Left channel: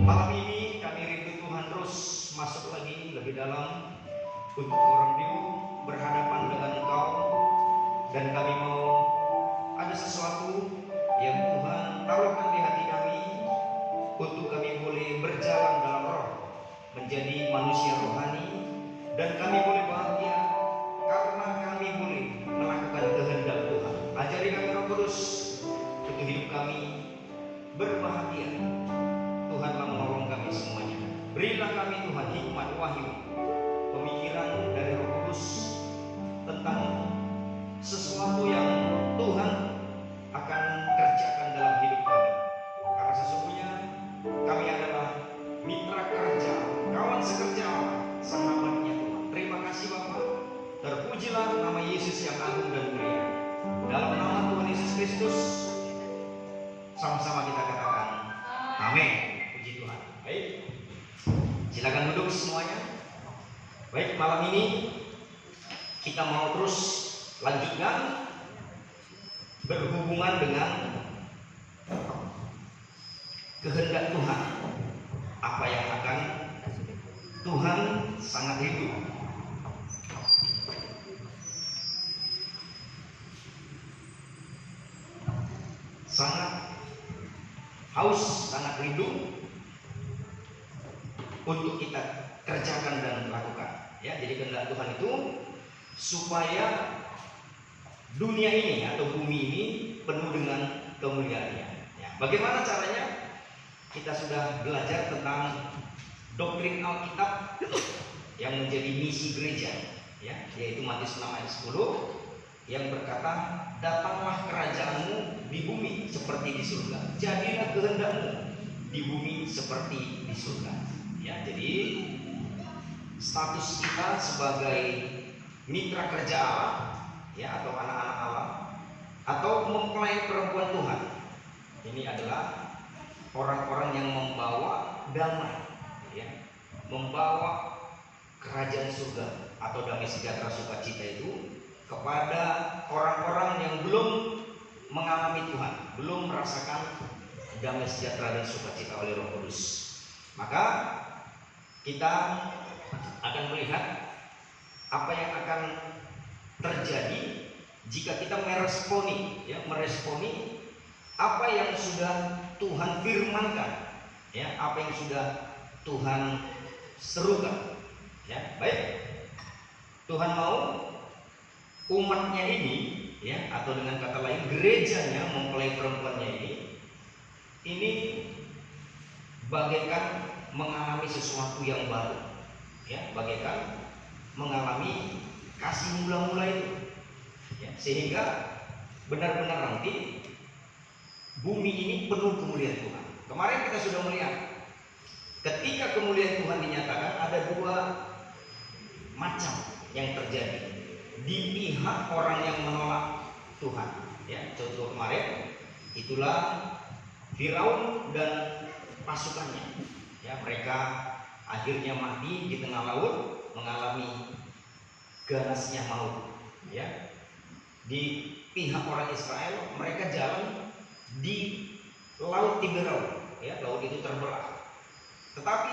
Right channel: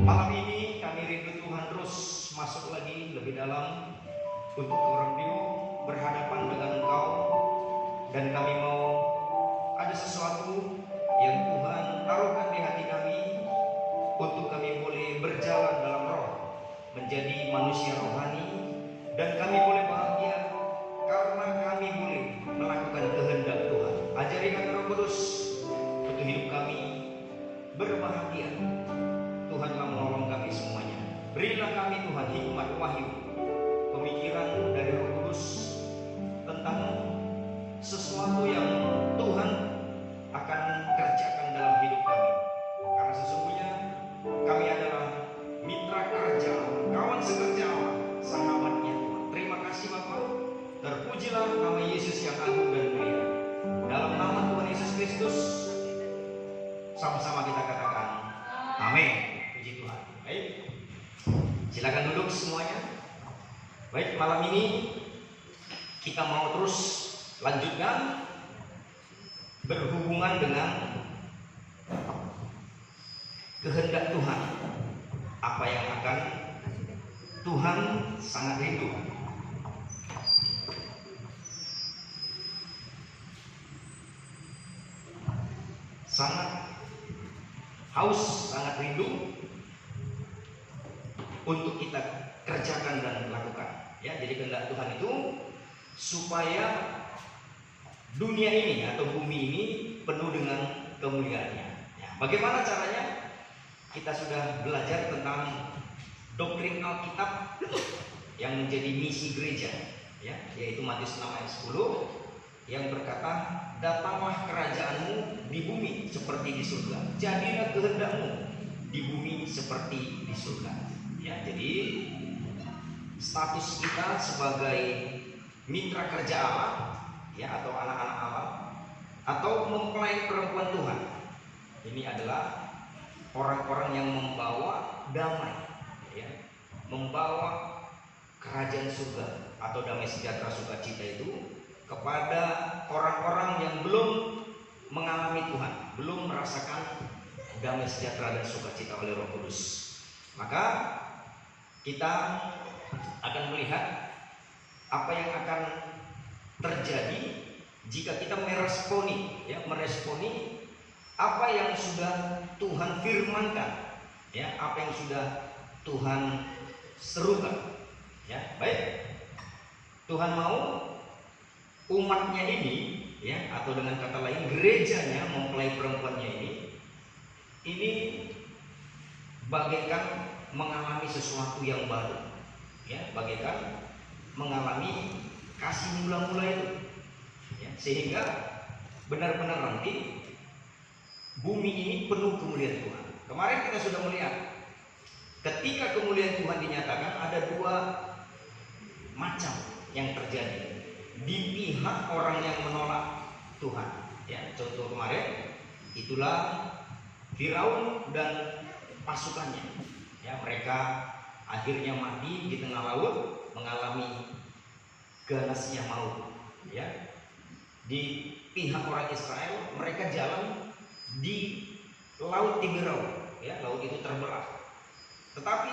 Malam ini kami rindu Tuhan terus masuk lagi lebih dalam untuk orang Diu berhadapan dengan Engkau, dan kami mau ada sesuatu yang Tuhan taruhkan di hati kami untuk kami boleh berjalan dalam roh, menjadi manusia rohani, dan kami boleh bahagia karena kami boleh melakukan kehendak Tuhan. Ajari kami Roh Kudus untuk hidup kami berbahagia. Tuhanlah menolong kami semuanya. Berilah kami Tuhan hikmat wahyu, pemikiran dari Roh Kudus tentang sesuatu yang Tuhan akan kerjakan dalam hidup kami. Karena sesungguhnya kami adalah mitra kerja, kawan sekerja, sahabatnya Tuhan. Terima kasih Bapa. Terpujilah nama Yesus yang agung dan mulia. Dalam nama Tuhan Yesus Kristus, sama-sama kita katakan amin. Puji Tuhan. Baik, silakan duduk semuanya. Baik, malam ini kita mau terus lanjutkan berhubungan dengan kehendak Tuhan. Apa yang akan Tuhan sangat rindu. Sangat haus, sangat rindu untuk kita kerjakan dan lakukan. Ya, jadi kehendak Tuhan itu supaya dunia ini atau bumi ini penuh dengan kemuliaannya. Ya, bagaimana caranya? Kita sudah belajar tentang doktrin Alkitab yang menjadi misi gereja, ya, yaitu Matius 6 ayat 10 yang berkata, datanglah kerajaanmu di bumi seperti di surga, jadilah kehendakmu di bumi seperti di surga. Ya, jadi status kita sebagai mitra kerja Allah, ya, atau anak-anak Allah, atau mempelai perempuan Tuhan, ini adalah orang-orang yang membawa damai, ya, membawa kerajaan surga atau damai sejahtera sukacita itu kepada orang-orang yang belum mengalami Tuhan, belum merasakan damai sejahtera dan sukacita oleh Roh Kudus. Maka kita akan melihat apa yang akan terjadi jika kita meresponi apa yang sudah Tuhan firmankan, ya, apa yang sudah Tuhan serukan. Ya, baik. Tuhan mau umatnya ini, ya, atau dengan kata lain gerejanya, mempelai perempuannya ini bagaikan mengalami sesuatu yang baru, ya, bagaikan mengalami kasih mula-mula itu, ya, sehingga benar-benar nanti bumi ini penuh kemuliaan Tuhan. Kemarin kita sudah melihat ketika kemuliaan Tuhan dinyatakan ada dua macam yang terjadi di pihak orang yang menolak Tuhan. Ya, contoh kemarin itulah Firaun dan pasukannya. Ya, mereka akhirnya mati di tengah laut, mengalami ganasnya maut. Ya, di pihak orang Israel mereka jalan di laut Tiberau. Ya, laut itu terbelah. Tetapi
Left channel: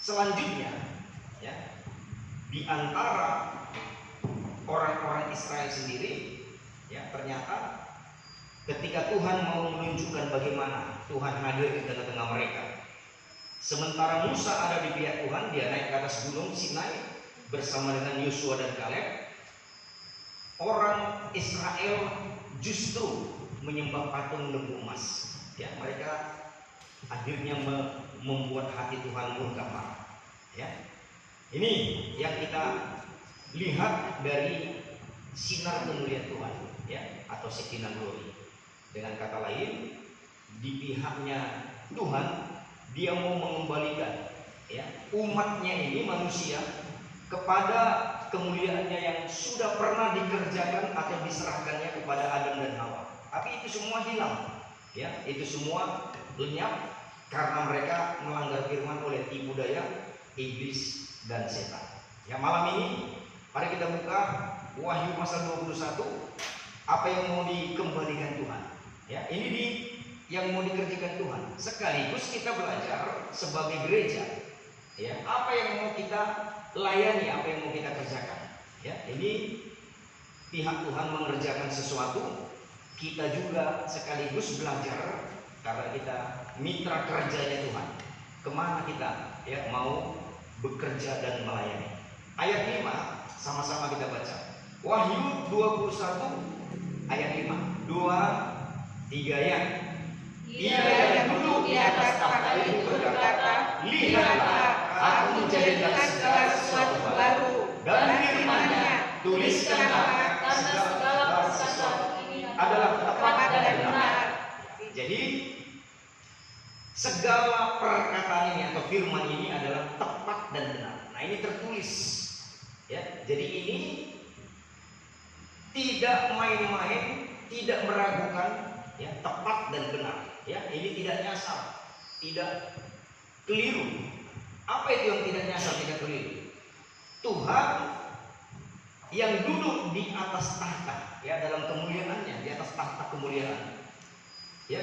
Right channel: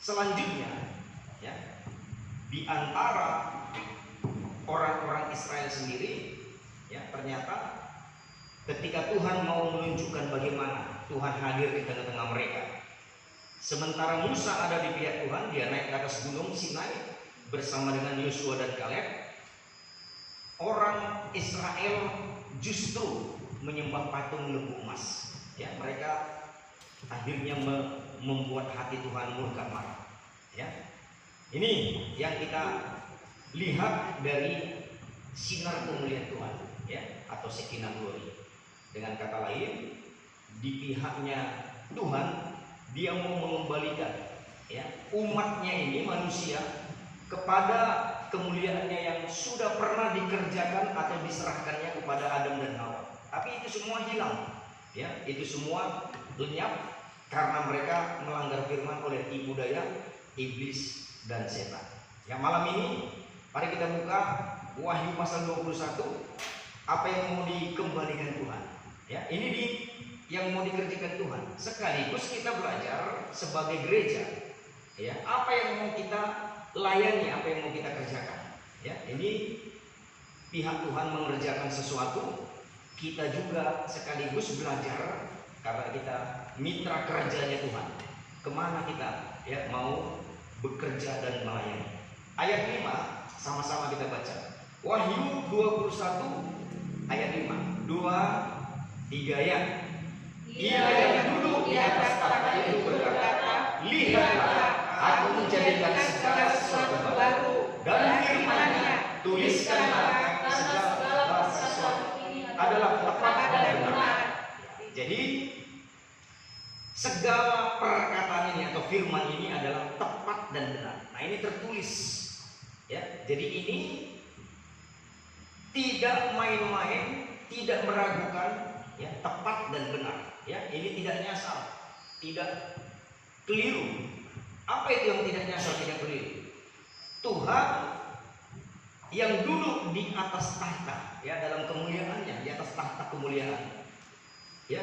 selanjutnya, ya, di antara orang-orang Israel sendiri, ya, ternyata ketika Tuhan mau menunjukkan bagaimana Tuhan hadir di tengah-tengah mereka, sementara Musa ada di pihak Tuhan, dia naik ke atas gunung Sinai bersama dengan Yosua dan Kaleb, orang Israel justru menyembah patung lembu emas. Ya, mereka akhirnya membuat hati Tuhan murka marah. Ya, ini yang kita lihat dari sinar kemuliaan Tuhan, ya, atau Shekinah glory. Dengan kata lain, di pihaknya Tuhan, dia mau mengembalikan, ya, umatnya ini, manusia, kepada kemuliaannya yang sudah pernah dikerjakan atau diserahkannya kepada Adam dan Hawa. Tapi itu semua hilang, ya, itu semua lenyap karena mereka melanggar firman oleh tipu daya iblis dan setan. Ya, malam ini mari kita buka Wahyu pasal 21. Apa yang mau dikembalikan Tuhan? Ya, ini di yang mau dikerjakan Tuhan. Sekaligus kita belajar sebagai gereja, ya, apa yang mau kita layani, apa yang mau kita kerjakan. Ya, ini pihak Tuhan mengerjakan sesuatu, kita juga sekaligus belajar karena kita mitra kerjanya Tuhan. Kemana kita ya mau bekerja dan melayani. Ayat 5 sama-sama kita baca. Wahyu 21 ayat 5. 2, 3 ya. Ia yang duduk di atas tahta itu berkata, lihatlah, aku menjadikan segala sesuatu baru, dan firman-Nya, tuliskanlah, karena segala sesuatu ini adalah tepat dan benar. Jadi segala perkataan ini atau firman ini adalah tepat dan benar. Nah, ini tertulis. Ya, jadi ini tidak main-main, tidak meragukan, ya, tepat dan benar. Ya, ini tidak nyasar, tidak keliru. Apa itu yang tidak nyasar, tidak keliru? Tuhan yang duduk di atas tahta, ya, dalam kemuliaannya, di atas tahta kemuliaan. Ya,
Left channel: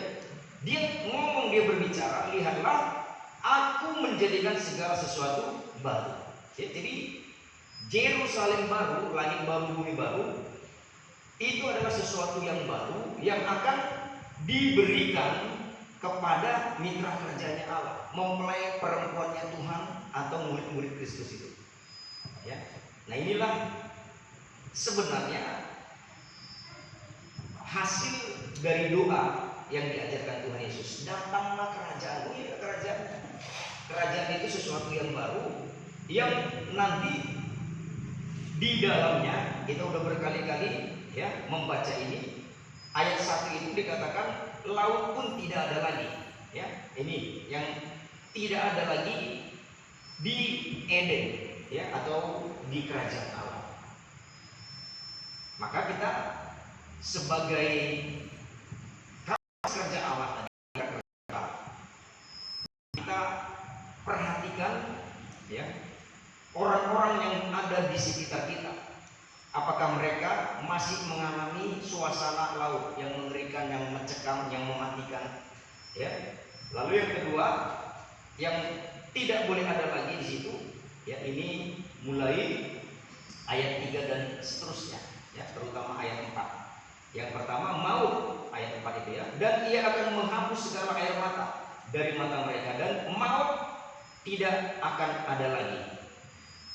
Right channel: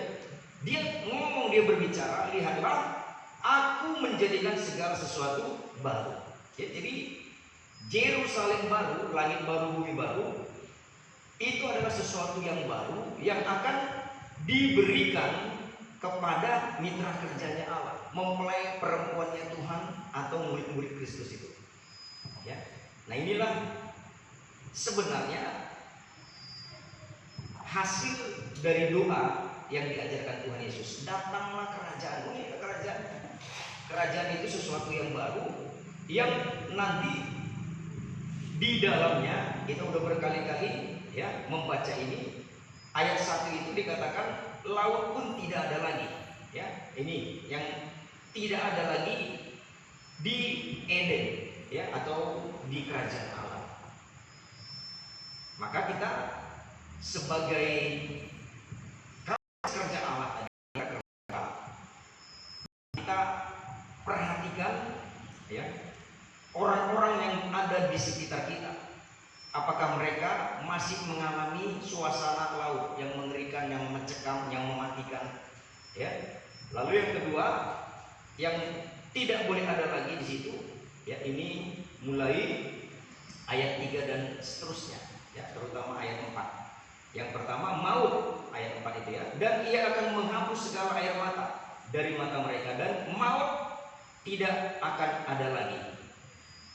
dia ngomong, dia berbicara, lihatlah, aku menjadikan segala sesuatu baru. Ya, jadi Yerusalem baru, langit baru, bumi baru, itu adalah sesuatu yang baru yang akan diberikan kepada mitra kerjanya Allah, mempelai perempuannya Tuhan atau murid-murid Kristus itu. Ya, nah inilah sebenarnya hasil dari doa yang diajarkan Tuhan Yesus. Datanglah kerajaan. Ini kerajaan. Kerajaan itu sesuatu yang baru yang nanti di dalamnya kita udah berkali-kali ya membaca ini. Ayat 1 itu dikatakan laut pun tidak ada lagi. Ya, ini yang tidak ada lagi di Eden ya atau di kerajaan Allah. Maka kita sebagai kerja Allah, kita perhatikan ya orang-orang yang ada di sekitar kita. Apakah mereka masih mengalami suasana laut yang mengerikan, yang mencekam, yang mematikan? Ya. Lalu yang kedua, yang tidak boleh ada lagi di situ, ya ini mulai ayat 3 dan seterusnya, ya terutama ayat 4. Yang pertama maut, ayat 4 itu ya, dan ia akan menghapus segala air mata dari mata mereka, dan maut tidak akan ada lagi.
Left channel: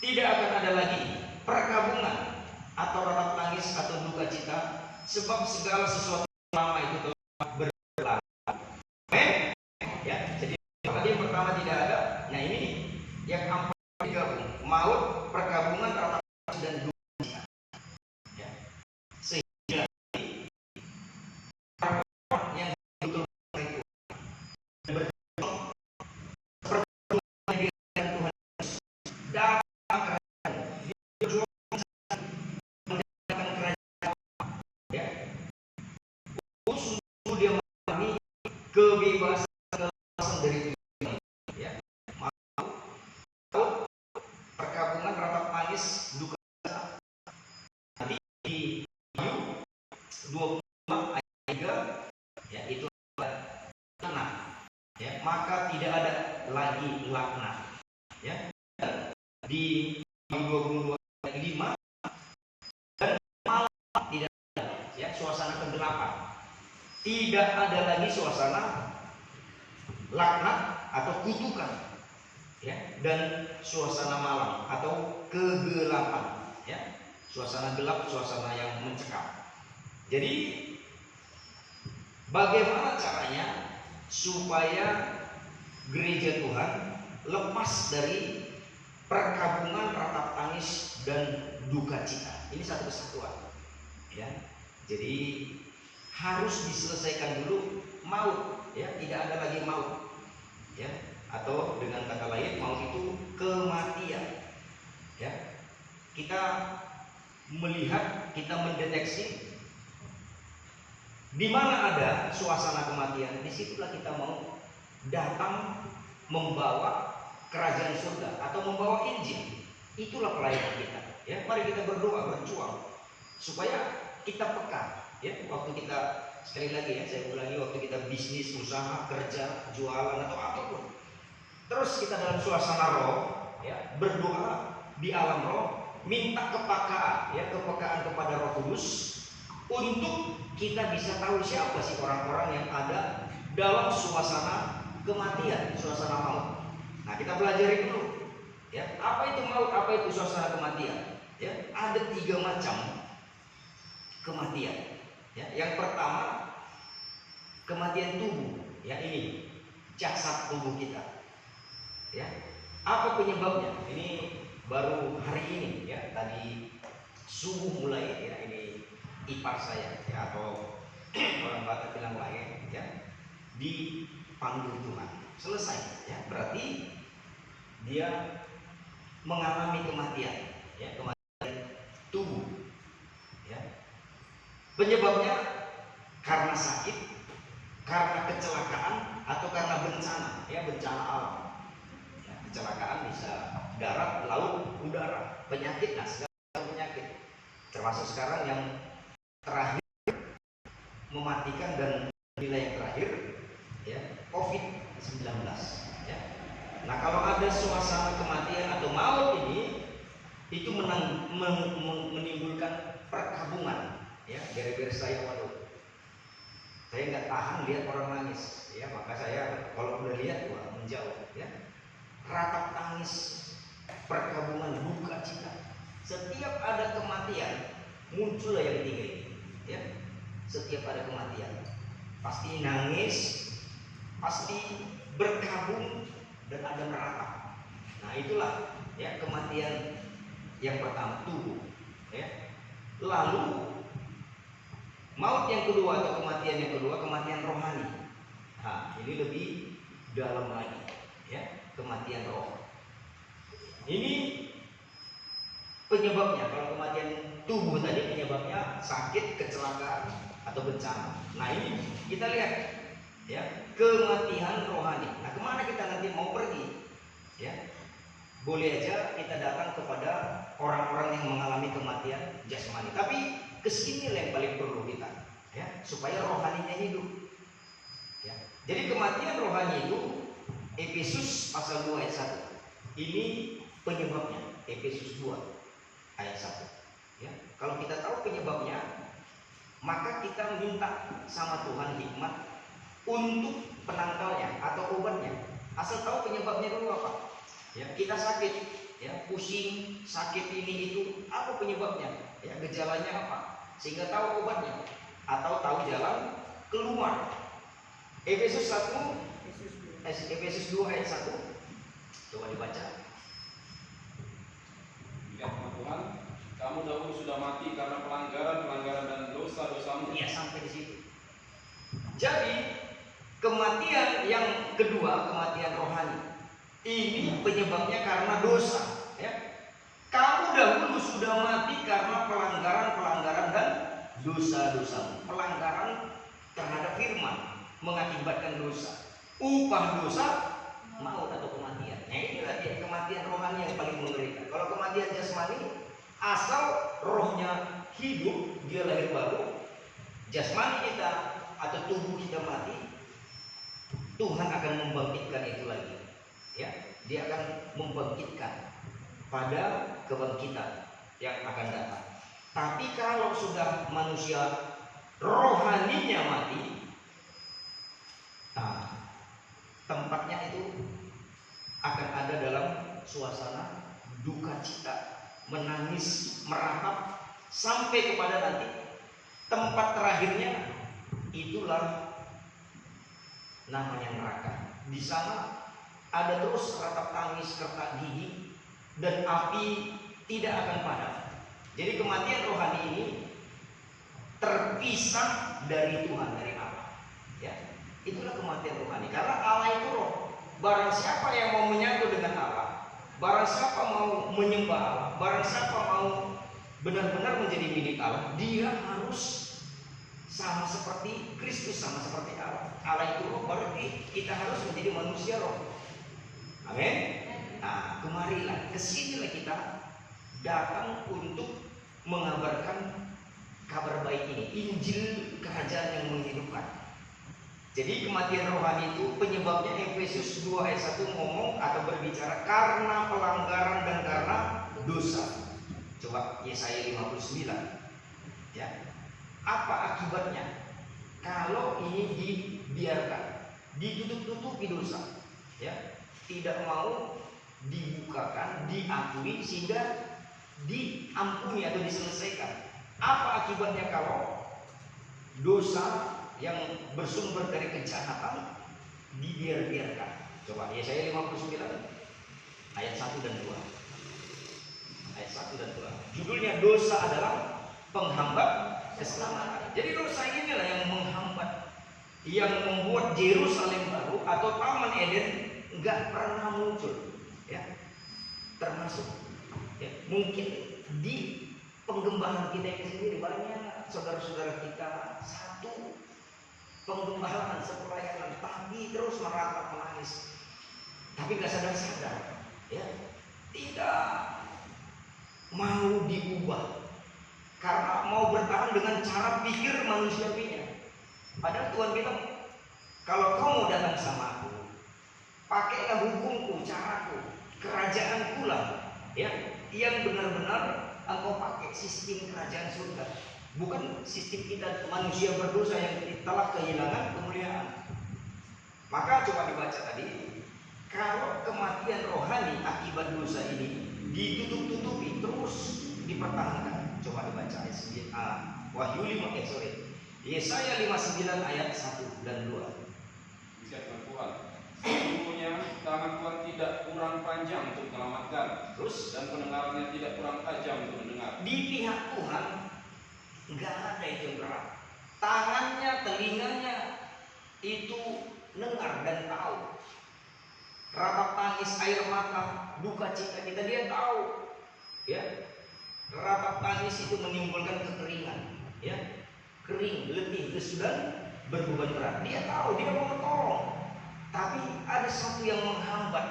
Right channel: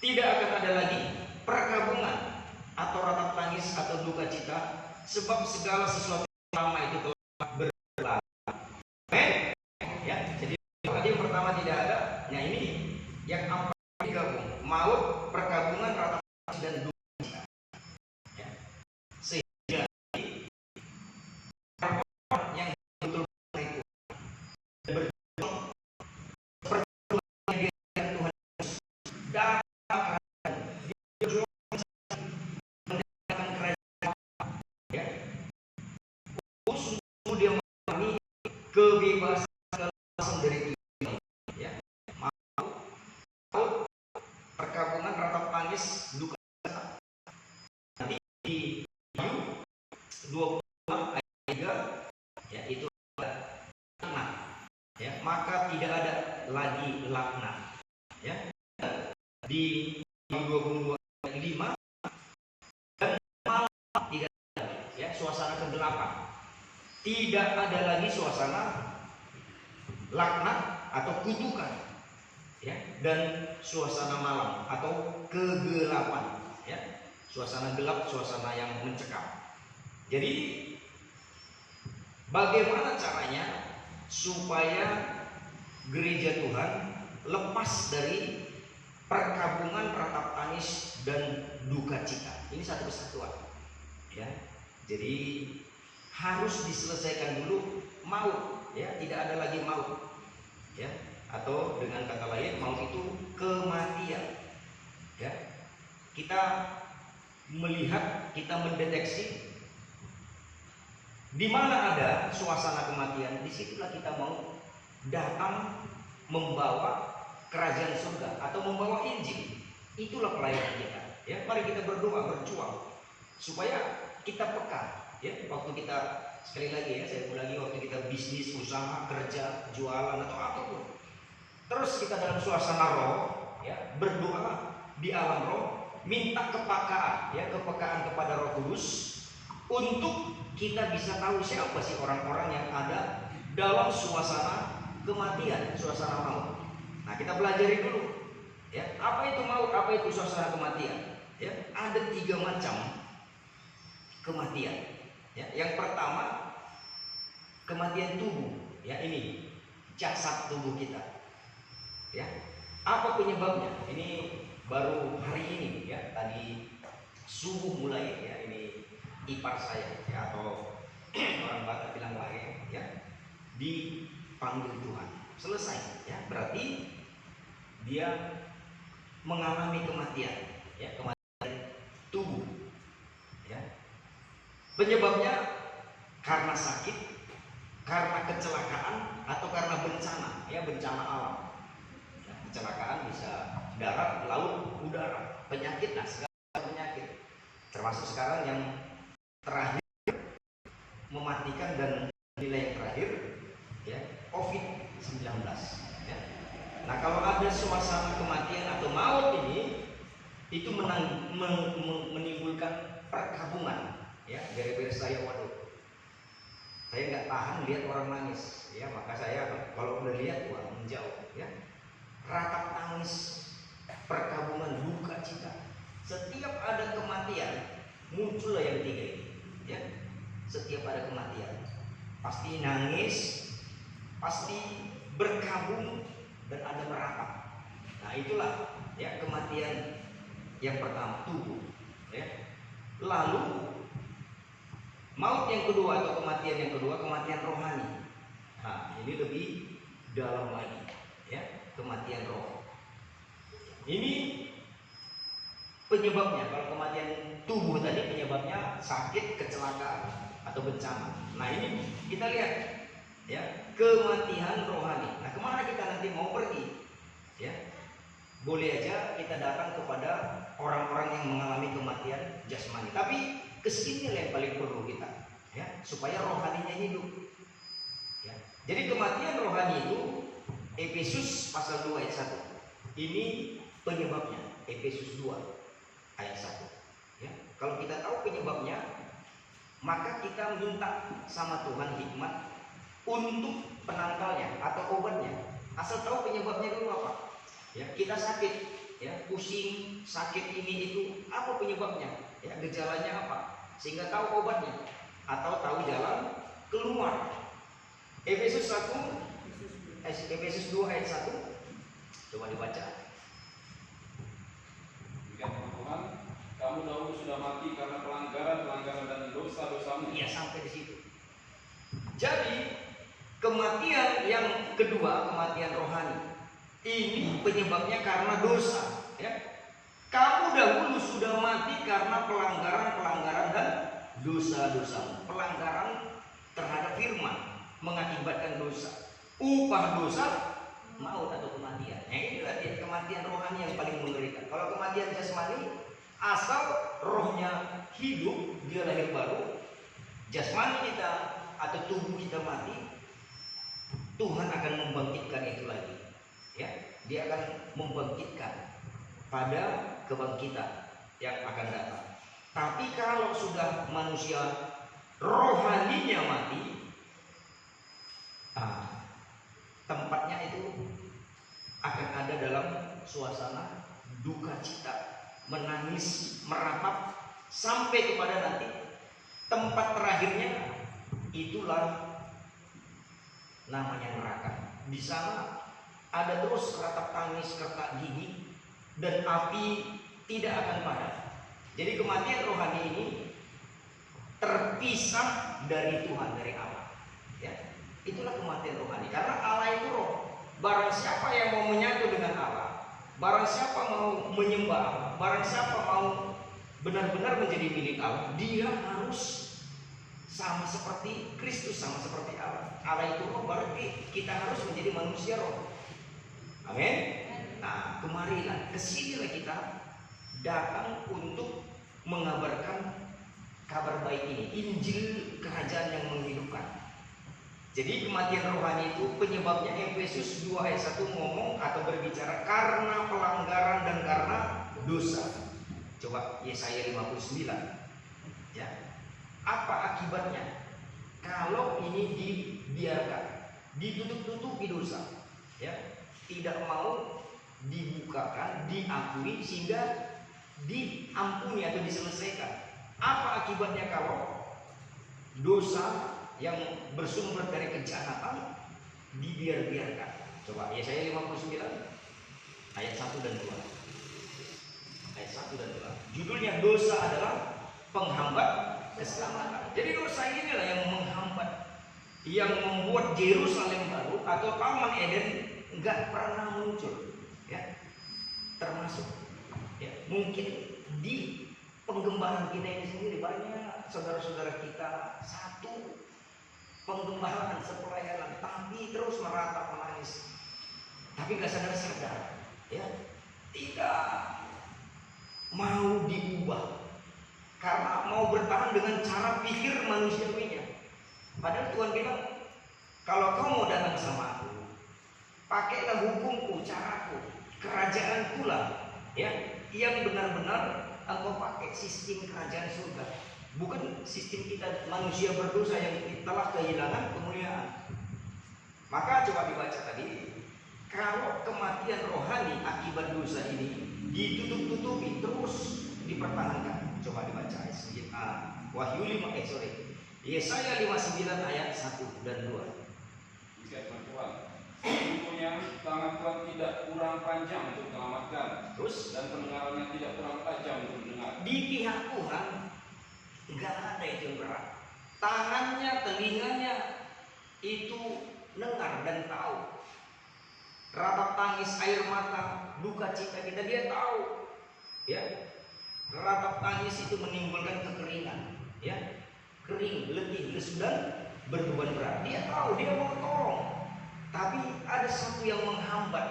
Tidak akan ada lagi perkabungan atau ratap tangis atau duka cita, sebab segala sesuatu lama itu telah berlalu. Ya, jadi yang pertama tidak ada. Nah ini yang empat digabung, maut, perkabungan, ratap tangis dan duka cita. Ya. Sehingga yang betul itu berjuang seperti yang Tuhan dan kebebasan dari Tuhan, ya. Mau perkabungan, ratap tangis, duka cita. Nanti di Wahyu 26 ayat 3 ya itu laknat, ya maka tidak ada lagi laknat, ya. Di 22 ayat 5 dan malam tidak ada, ya suasana kegelapan. Tidak ada lagi suasana laknat atau kutukan, ya, dan suasana malam atau kegelapan, ya, suasana gelap, suasana yang mencekam. Jadi bagaimana caranya supaya gereja Tuhan lepas dari perkabungan, ratap tangis dan duka cita? Ini satu kesatuan, ya. Jadi harus diselesaikan dulu maut, ya tidak ada lagi maut, ya atau dengan kata lain maut itu kematian, ya. Kita melihat, kita mendeteksi di mana ada suasana kematian, disitulah kita mau datang membawa kerajaan surga atau membawa Injil. Itulah pelayanan kita, ya. Mari kita berdoa, berjuang supaya kita peka. Ya, waktu kita sekali lagi ya, saya ulangi, waktu kita bisnis, usaha, kerja, jualan atau apapun, terus kita dalam suasana roh, ya, berdoa di alam roh, minta kepekaan, ya, kepekaan kepada Roh Kudus untuk kita bisa tahu siapa sih orang-orang yang ada dalam suasana kematian, suasana maut. Nah, kita pelajari dulu, ya, apa itu maut, apa itu suasana kematian. Ya, ada 3 macam kematian. Ya, yang pertama kematian tubuh, ya, ini jasad tubuh kita. Ya, apa penyebabnya? Ini baru hari ini, ya, tadi subuh mulai, ya, ini ipar saya, ya, atau orang Batak bilang lain, ya, dipanggil Tuhan, selesai, ya, berarti dia mengalami kematian, ya, kematian tubuh, ya. Penyebabnya karena sakit, karena kecelakaan, atau karena bencana, ya, bencana alam. Ya, kecelakaan bisa darat, laut, udara, penyakit, nah, segala penyakit, termasuk sekarang yang terakhir mematikan dan nilai yang terakhir, ya, COVID-19, ya. Nah, kalau ada suasana kematian atau maut ini, itu menimbulkan perkabungan, ya. Gara-gara saya, waduh, saya nggak tahan lihat orang nangis, ya, maka saya kalau udah lihat, wah, menjauh, ya. Ratap tangis, perkabungan, duka cita. Setiap ada kematian, muncullah yang ketiga ini, ya. Setiap ada kematian, pasti nangis, pasti berkabung, dan ada meratap. Nah, itulah, ya, kematian yang pertama, tubuh, ya. Lalu maut yang kedua atau kematian yang kedua, kematian rohani. Nah, ini lebih dalam lagi, ya, kematian roh. Ini penyebabnya, kalau kematian tubuh tadi penyebabnya sakit, kecelakaan, atau bencana. Nah, ini kita lihat, ya, kematian rohani. Nah, kemana kita nanti mau pergi, ya? Boleh aja kita datang kepada orang-orang yang mengalami kematian jasmani, tapi kesini yang paling perlu kita, ya, supaya rohaninya hidup, ya. Jadi kematian rohani itu Efesus pasal 2 ayat 1. Ini penyebabnya, Efesus 2 ayat 1. Ya, kalau kita tahu penyebabnya, maka kita minta sama Tuhan hikmat untuk penangkalnya atau obatnya. Asal tahu penyebabnya dulu apa. Ya, kita sakit, ya, pusing, sakit ini itu, apa penyebabnya? Ya, gejalanya apa? Sehingga tahu obatnya atau tahu jalan keluar. Efesus 2 ayat 1. Coba dibaca. Tuhan, kamu dahulu sudah mati karena pelanggaran dan dosa-dosamu. Iya, sampai di situ. Jadi kematian yang kedua, kematian rohani, ini penyebabnya karena dosa, ya. Kamu dahulu sudah mati karena pelanggaran dan dosa-dosamu. Pelanggaran terhadap firman mengakibatkan dosa. Upah dosa maut atau kematian. Nah, inilah dia kematian rohani yang paling mengerikan. Kalau kematian jasmani, asal rohnya hidup, dia lahir baru, jasmani kita atau tubuh kita mati, Tuhan akan membangkitkan itu lagi, ya. Dia akan membangkitkan pada kebangkitan yang akan datang. Tapi kalau sudah manusia rohaninya mati, nah, tempatnya itu akan ada dalam suasana duka cita, menangis, meratap, sampai kepada nanti tempat terakhirnya itulah namanya neraka. Di sana ada terus ratap tangis, retak gigi, dan api tidak akan padam. Jadi kematian rohani ini terpisah dari Tuhan, dari Allah, ya. Itulah kematian rohani, karena Allah itu roh. Barang siapa yang mau menyatu dengan Allah, barang siapa mau menyembah Allah, barang siapa mau benar-benar menjadi milik Allah, dia harus sama seperti Kristus, sama seperti Allah. Allah itu roh, berarti kita harus menjadi manusia roh. Amin. Nah, kemarilah, kesinilah kita datang untuk mengabarkan kabar baik ini, Injil kerajaan yang menghidupkan. Jadi kematian rohani itu penyebabnya Efesus 2 ayat 1 ngomong atau berbicara karena pelanggaran dan karena dosa. Coba Yesaya 59. Ya. Apa akibatnya kalau ini dibiarkan, ditutup-tutupi dosa, ya, tidak mau dibukakan, diakui sehingga diampuni atau diselesaikan. Apa akibatnya kalau dosa yang bersumber dari kejahatan dibiarkan? Coba Yesaya 59 ayat 1 dan 2. Ayat 1 dan 2. Judulnya dosa adalah penghambat keselamatan. Jadi dosa inilah yang menghambat, yang membuat Yerusalem baru atau Taman Eden enggak pernah muncul, ya. Termasuk, ya, mungkin di penggembalaan kita ini sendiri banyak saudara-saudara kita satu penggembalaan sepelayanan tapi terus meratap menangis, tapi nggak sadar-sadar, ya, tidak mau diubah karena mau bertahan dengan cara pikir manusiawinya. Padahal Tuhan bilang, kalau kau mau datang sama aku, pakailah hukumku, caraku, kerajaanku lah, ya, yang benar-benar engkau pakai sistem kerajaan surga, bukan sistem kita manusia berdosa yang telah kehilangan kemuliaan. Maka coba dibaca tadi, kalau kematian rohani akibat dosa ini ditutup-tutupi terus dipertahankan. Coba dibaca Wahyu 5 Yesaya 59 ayat 1 dan 2. Bisa Tuhan. Sesungguhnya tangan Tuhan tidak kurang panjang untuk menyelamatkan, Terus dan pendengarannya tidak kurang tajam untuk mendengar. di pihak Tuhan nggak ada itu yang berat. Tangannya, telinganya itu dengar dan tahu. Ratap tangis, air mata, duka cita kita dia tahu, ya. Ratap tangis itu menimbulkan kekeringan, ya, kering, letih, lesu dan berbeban berat. Dia tahu, dia mau tolong, tapi ada sesuatu yang menghambat.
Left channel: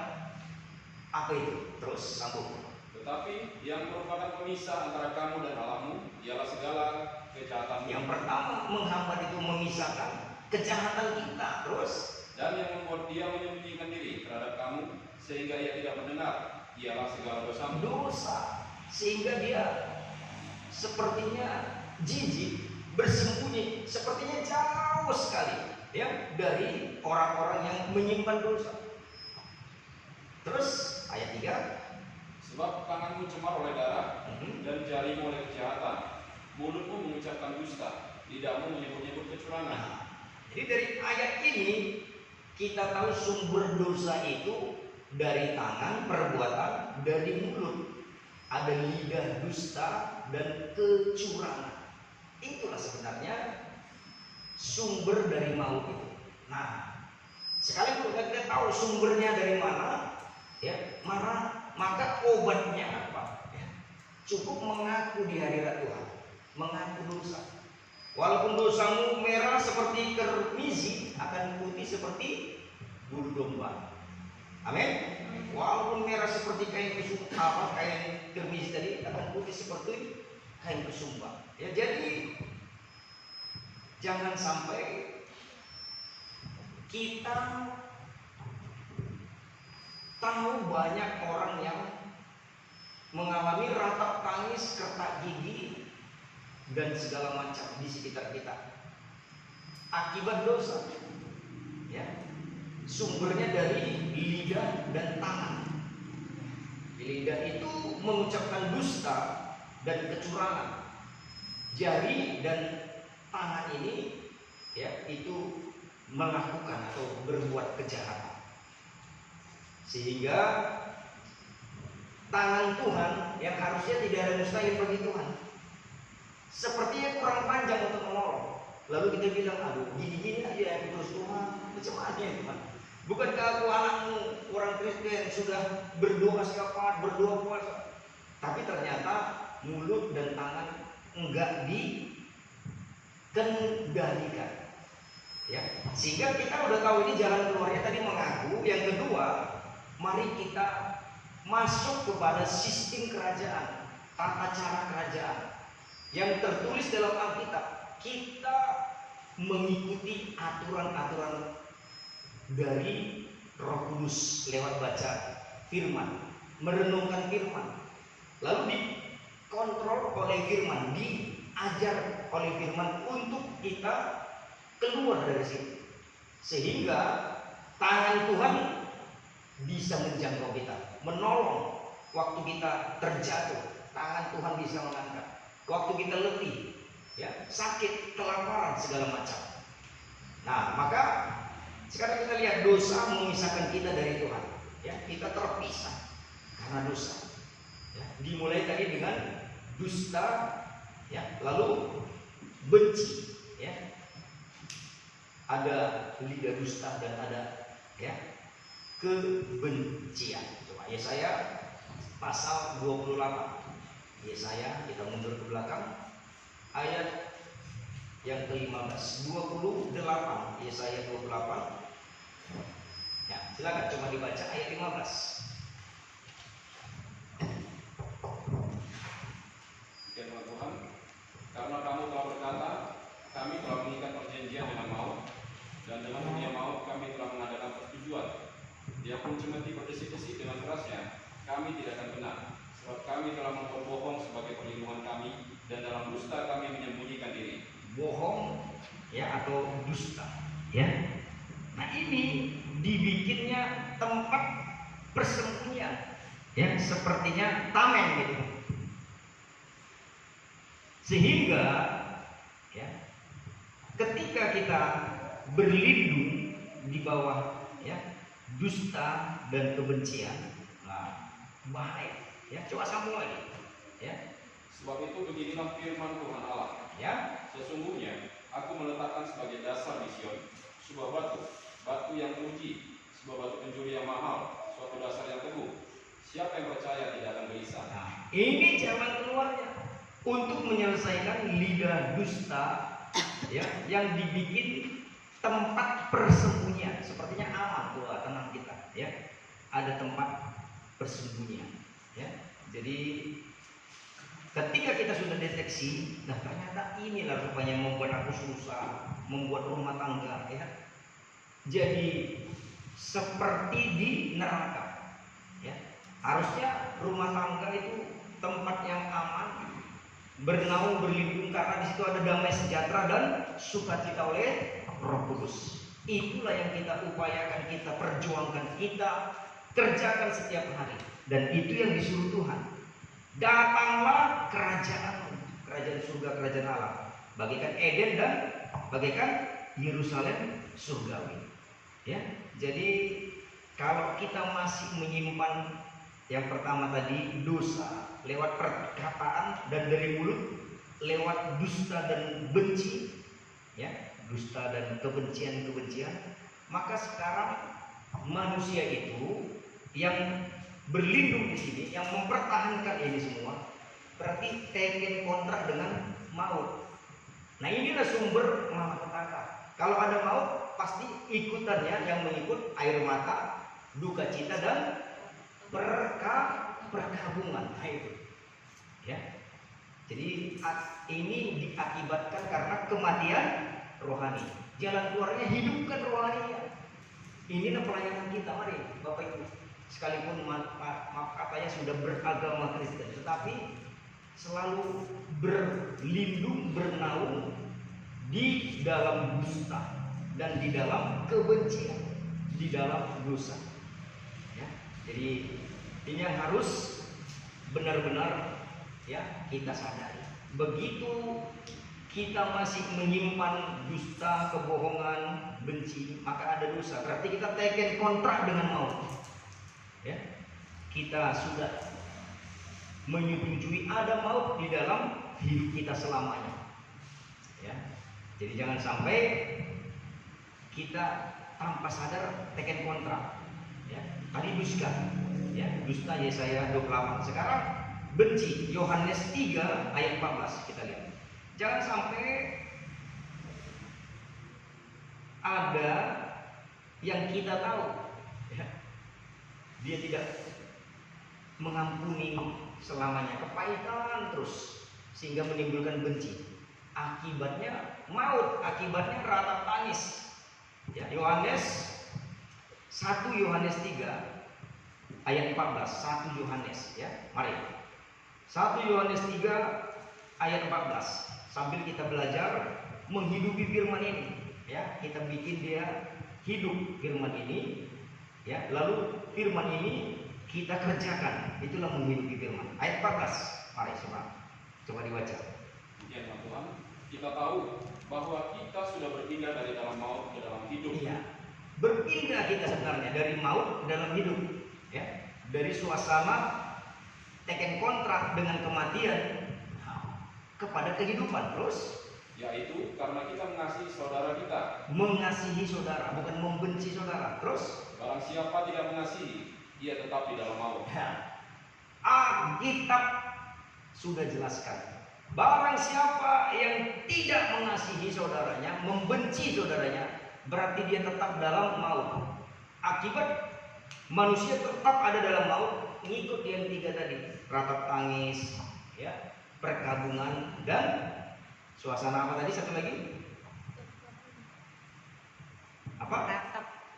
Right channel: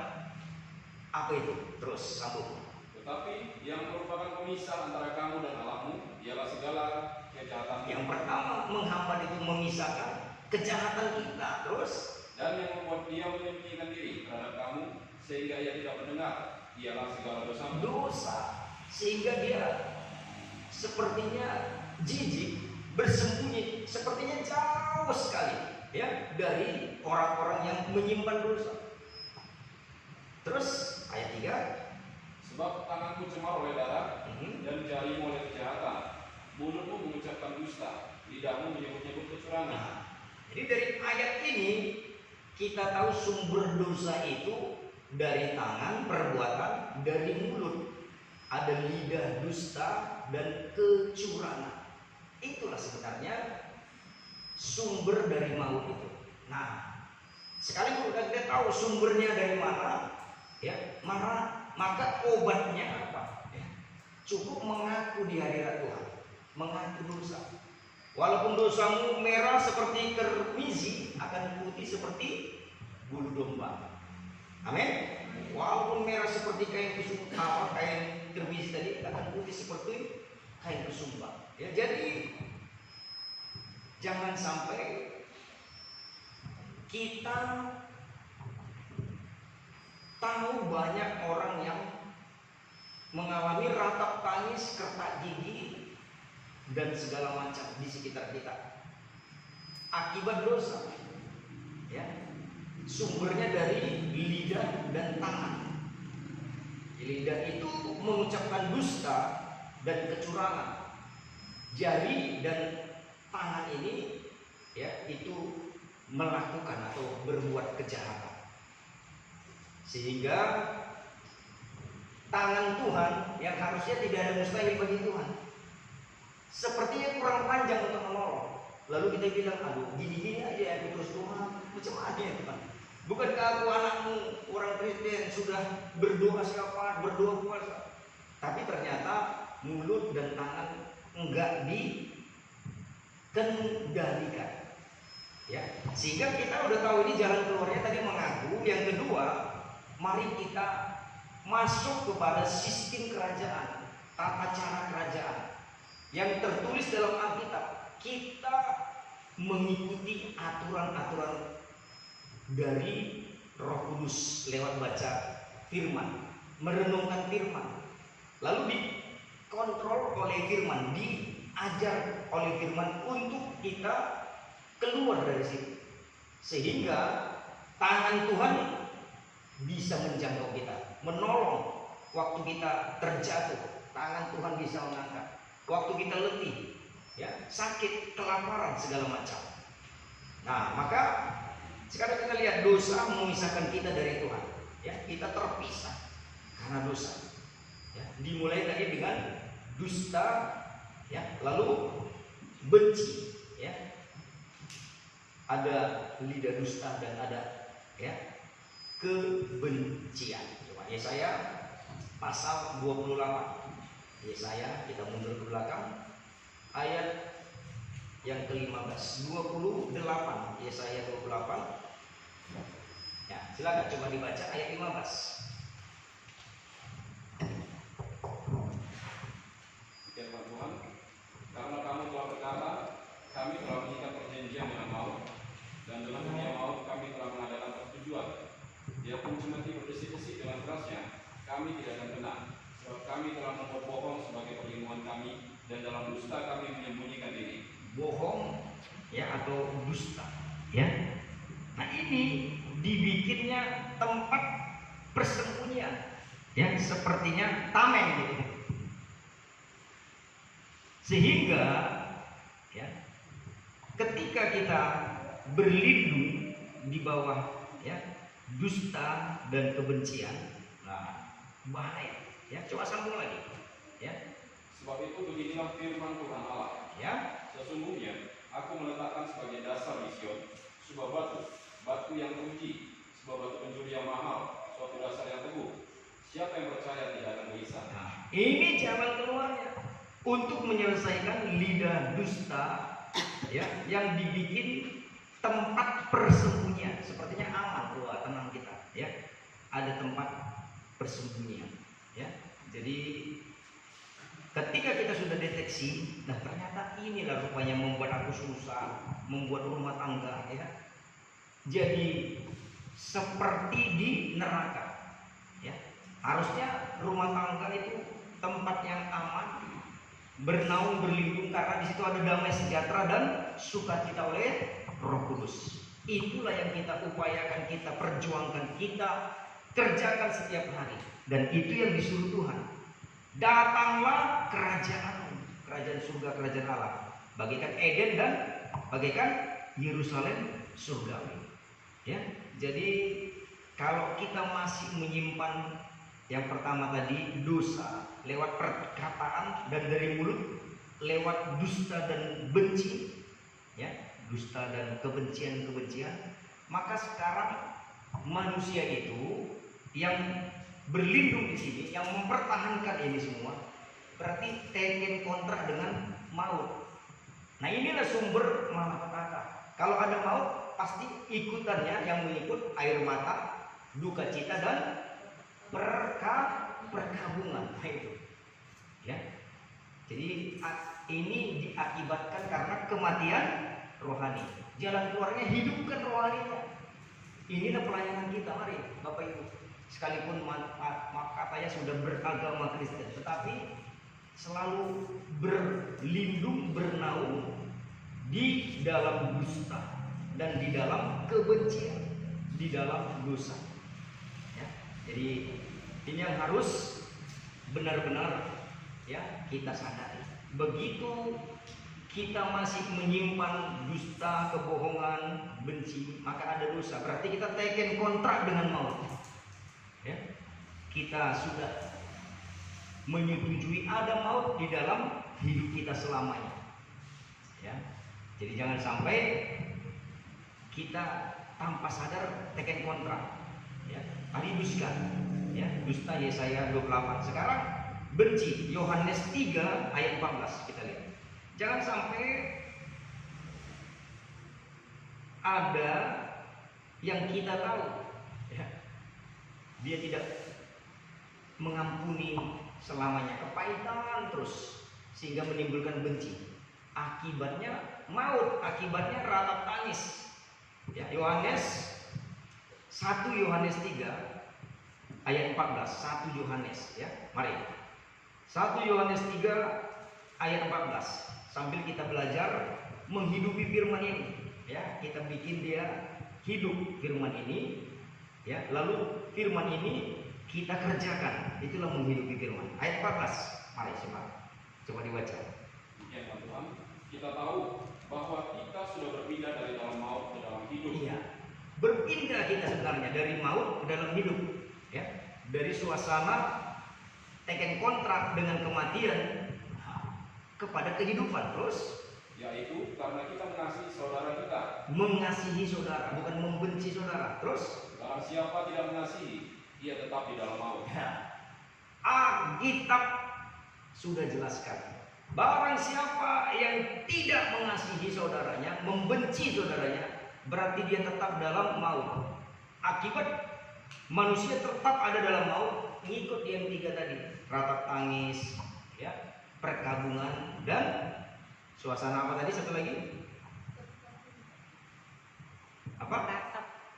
Apa itu? Terus sambung. Tetapi yang merupakan pemisah antara kamu dan Allahmu ialah segala kejahatan. Yang pertama menghambat itu memisahkan kejahatan kita. Terus, Dan yang membuat dia menyembunyikan diri terhadap kamu sehingga ia tidak mendengar ialah segala dosamu. dosa, sehingga dia sepertinya jijik, bersembunyi, sepertinya jauh sekali, ya, dari orang-orang yang menyimpan dosa. Terus ayat 3, Sebab tanganmu cemar oleh darah dan jarimu oleh kejahatan, mulutmu mengucapkan dusta, lidahmu menyebut-nyebut kecurangan. Nah, jadi dari ayat ini kita tahu sumber dosa itu dari tangan, perbuatan, dari mulut. Ada lidah dusta dan kecurangan. Itulah sebenarnya sumber dari maut itu. Nah, sekalipun kita tahu sumbernya dari mana, ya, maka obatnya apa? Ya, cukup mengaku di hadirat Tuhan, mengaku dosa. Walaupun dosamu merah seperti kermizi, akan putih seperti bulu domba. Amin. Walaupun merah seperti kain kesumba, kain kermizi tadi, akan putih seperti kain kesumba. Ya, jadi jangan sampai kita tahu banyak orang yang mengalami ratap tangis, kertak gigi, dan segala macam di sekitar kita akibat dosa, ya. Sumbernya dari lidah dan tangan. Lidah itu mengucapkan dusta dan kecurangan. Jari dan tangan ini, ya, itu melakukan atau berbuat kejahatan. Sehingga tangan Tuhan yang harusnya tidak ada mustahil bagi Tuhan, sepertinya kurang panjang untuk menolong. Lalu kita bilang, aduh, gini-gini aja terus Tuhan, macam mana ya Tuhan? Bukankah aku anakmu orang Kristen sudah berdoa setiap hari, berdoa puasa, tapi ternyata mulut dan tangan enggak dikendalikan, ya. Sehingga kita udah tahu ini jalan keluarnya tadi mengaku. Yang kedua, mari kita masuk kepada sistem kerajaan, tata cara kerajaan. yang tertulis dalam Alkitab, kita mengikuti aturan-aturan dari Roh Kudus lewat baca firman, merenungkan firman, lalu dikontrol oleh firman, diajar oleh firman untuk kita keluar dari situ, sehingga tangan Tuhan bisa menjangkau kita, menolong waktu kita terjatuh. Tangan Tuhan bisa mengangkat waktu kita letih, ya, sakit, kelaparan, segala macam. Nah, maka sekarang kita lihat dosa memisahkan kita dari Tuhan, ya, kita terpisah karena dosa, ya. Dimulai tadi dengan dusta, ya, lalu benci, ya, ada lidah dusta dan ada, ya, kebencian. Coba Yesaya pasal 28. Yesaya, kita mundur ke belakang, ayat yang ke-15, 28, Yesaya 28. Ya, silakan coba dibaca ayat 15. Firman Tuhan, karena kamu telah berkata, kami telah mengikat perjanjian dengan maut, dan dengan dunia maut kami telah mengadakan persetujuan. Dia pun cemeti berdesik-desik dengan kerasnya, kami tidak akan benar, sebab kami telah membuat bohong sebagai perlindungan kami, dan dalam dusta kami menyembunyikan ini. Bohong, ya, atau dusta, ya. Nah, ini dibikinnya tempat persembunyian, ya, sepertinya tameng gitu. Sehingga, ya, ketika kita berlindung di bawah, ya, dusta dan kebencian, nah, bahaya, ya. Coba sambung lagi, ya. Sebab itu beginilah firman Tuhan Allah, Ya, sesungguhnya aku meletakkan sebagai dasar di Sion sebuah batu yang teruji, sebuah batu penjuri yang mahal, suatu dasar yang teguh. Siapa yang percaya tidak akan gelisah. nah, ini jalan keluarnya untuk menyelesaikan lidah dusta, ya, yang dibikin tempat persembunyian. Sepertinya aman, wah, tenang kita, ya, ada tempat persembunyian, ya. Jadi ketika kita sudah deteksi, nah ternyata inilah rupanya membuat aku susah, membuat rumah tangga, ya, jadi seperti di neraka, ya. Harusnya rumah tangga itu tempat yang aman, bernaung, berlindung, karena di situ ada damai sejahtera dan sukacita oleh Roh Kudus. Itulah yang kita upayakan, kita perjuangkan, kita kerjakan setiap hari, dan itu yang disuruh Tuhan. Datanglah kerajaan surga, kerajaan Allah, bagaikan Eden dan bagaikan Yerusalem surgawi, ya. Jadi kalau kita masih menyimpan yang pertama tadi, dosa lewat perkataan dan dari mulut, lewat dusta dan benci, ya, dusta dan kebencian, maka sekarang manusia itu yang berlindung di sini, yang mempertahankan ini semua, berarti taken kontrak dengan maut. Nah, inilah sumber malapetaka. Kalau ada maut, pasti ikutannya yang mengikut air mata, duka cita, dan perkabungan. Nah, itu, ya. Jadi ini diakibatkan karena kematian rohani. Jalan keluarnya hidupkan rohaninya. Inilah pelayanan kita, mari Bapak Ibu. Sekalipun maaf katanya sudah beragama Kristen, tetapi selalu berlindung, bernaung di dalam dusta dan di dalam kebencian, di dalam dosa, ya. Jadi ini yang harus benar-benar, ya, kita sadari. Begitu kita masih menyimpan dusta, kebohongan, benci, maka ada dosa. Berarti kita taken kontrak dengan maut, ya. Kita sudah menyetujui ada maut di dalam hidup kita selamanya, ya. Jadi jangan sampai kita tanpa sadar taken kontrak, ya. Tadi dusta, ya, dusta Yesaya 28. Sekarang benci, Yohanes 3 ayat 14, kita lihat. Jangan sampai ada yang kita tahu, ya, dia tidak mengampuni selamanya, kepahitan terus, sehingga menimbulkan benci. Akibatnya maut, akibatnya ratap tangis. Ya, Yohanes 1 Yohanes 3 ayat 14. 1 Yohanes ya. Mari. 1 Yohanes 3 ayat 14. Sambil kita belajar menghidupi firman ini, ya, kita bikin dia hidup firman ini, ya. Lalu firman ini kita kerjakan. Itulah menghidupi firman. Ayat 14. Mari coba dibaca. Ya Tuhan, kita tahu bahwa kita sudah berpindah dari dalam maut ke dalam hidup. Iya, berpindah kita sebenarnya dari maut ke dalam hidup, ya, dari suasana teken kontrak dengan kematian kepada kehidupan. Terus, yaitu karena kita mengasihi saudara kita. Mengasihi saudara, bukan membenci saudara. Terus, barang siapa tidak mengasihi, ia tetap di dalam maut. Alkitab sudah jelaskan. Barang siapa yang tidak mengasihi saudaranya, membenci saudaranya, berarti dia tetap dalam maut. Akibat manusia tetap ada dalam maut, ngikut yang 3 tadi, ratap tangis, ya, perkabungan, dan suasana apa tadi satu lagi? Apa?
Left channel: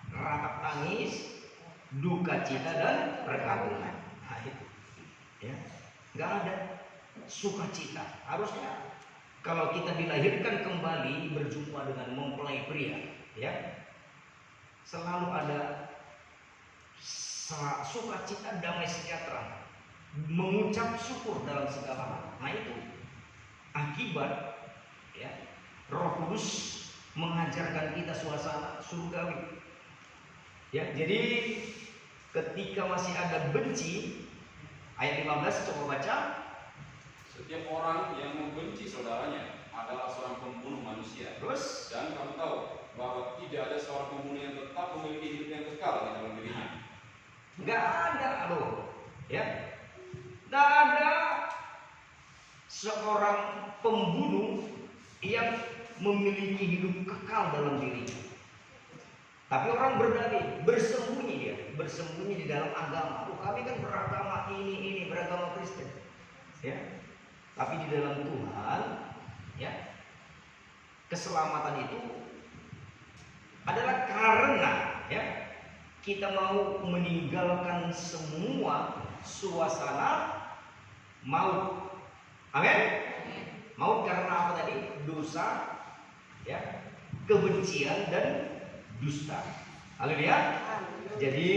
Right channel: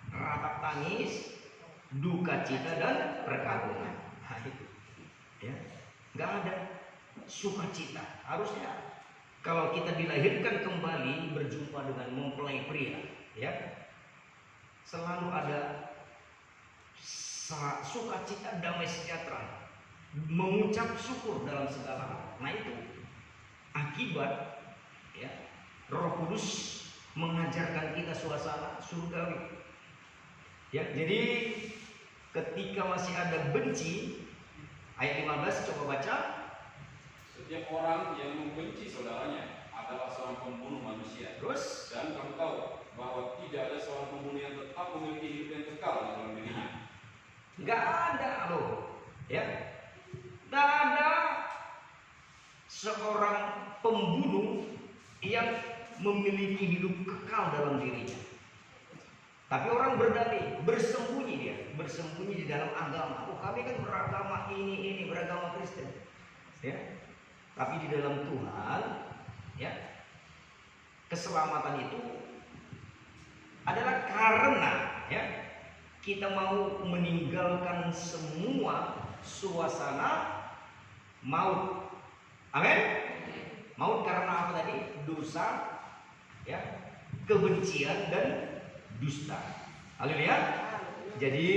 Ratap tangis, duka cita, dan perkabungan. Nah, itu, ya, nggak ada sukacita. Harusnya kalau kita dilahirkan kembali berjumpa dengan mempelai pria, ya, selalu ada sukacita, damai sejahtera, mengucap syukur dalam segala hal. Nah, itu akibat, ya, Roh Kudus mengajarkan kita suasana surgawi. Ya, jadi ketika masih ada benci, ayat 15 coba baca. Setiap orang yang membenci saudaranya adalah seorang pembunuh manusia. Terus, Dan kamu tahu bahwa tidak ada seorang pembunuh yang tetap memiliki hidup yang kekal di dalam dirinya. nggak ada loh, ya, nggak ada seorang pembunuh yang memiliki hidup kekal dalam dirinya. Tapi orang berdalih, bersembunyi di dalam agama. Oh, kami kan beragama ini beragama Kristen, ya. Tapi di dalam Tuhan, ya, keselamatan itu adalah karena, ya, kita mau meninggalkan semua suasana maut. Amin. Maut karena apa tadi? Dosa, ya, kebencian, dan dusta. Haleluya. Jadi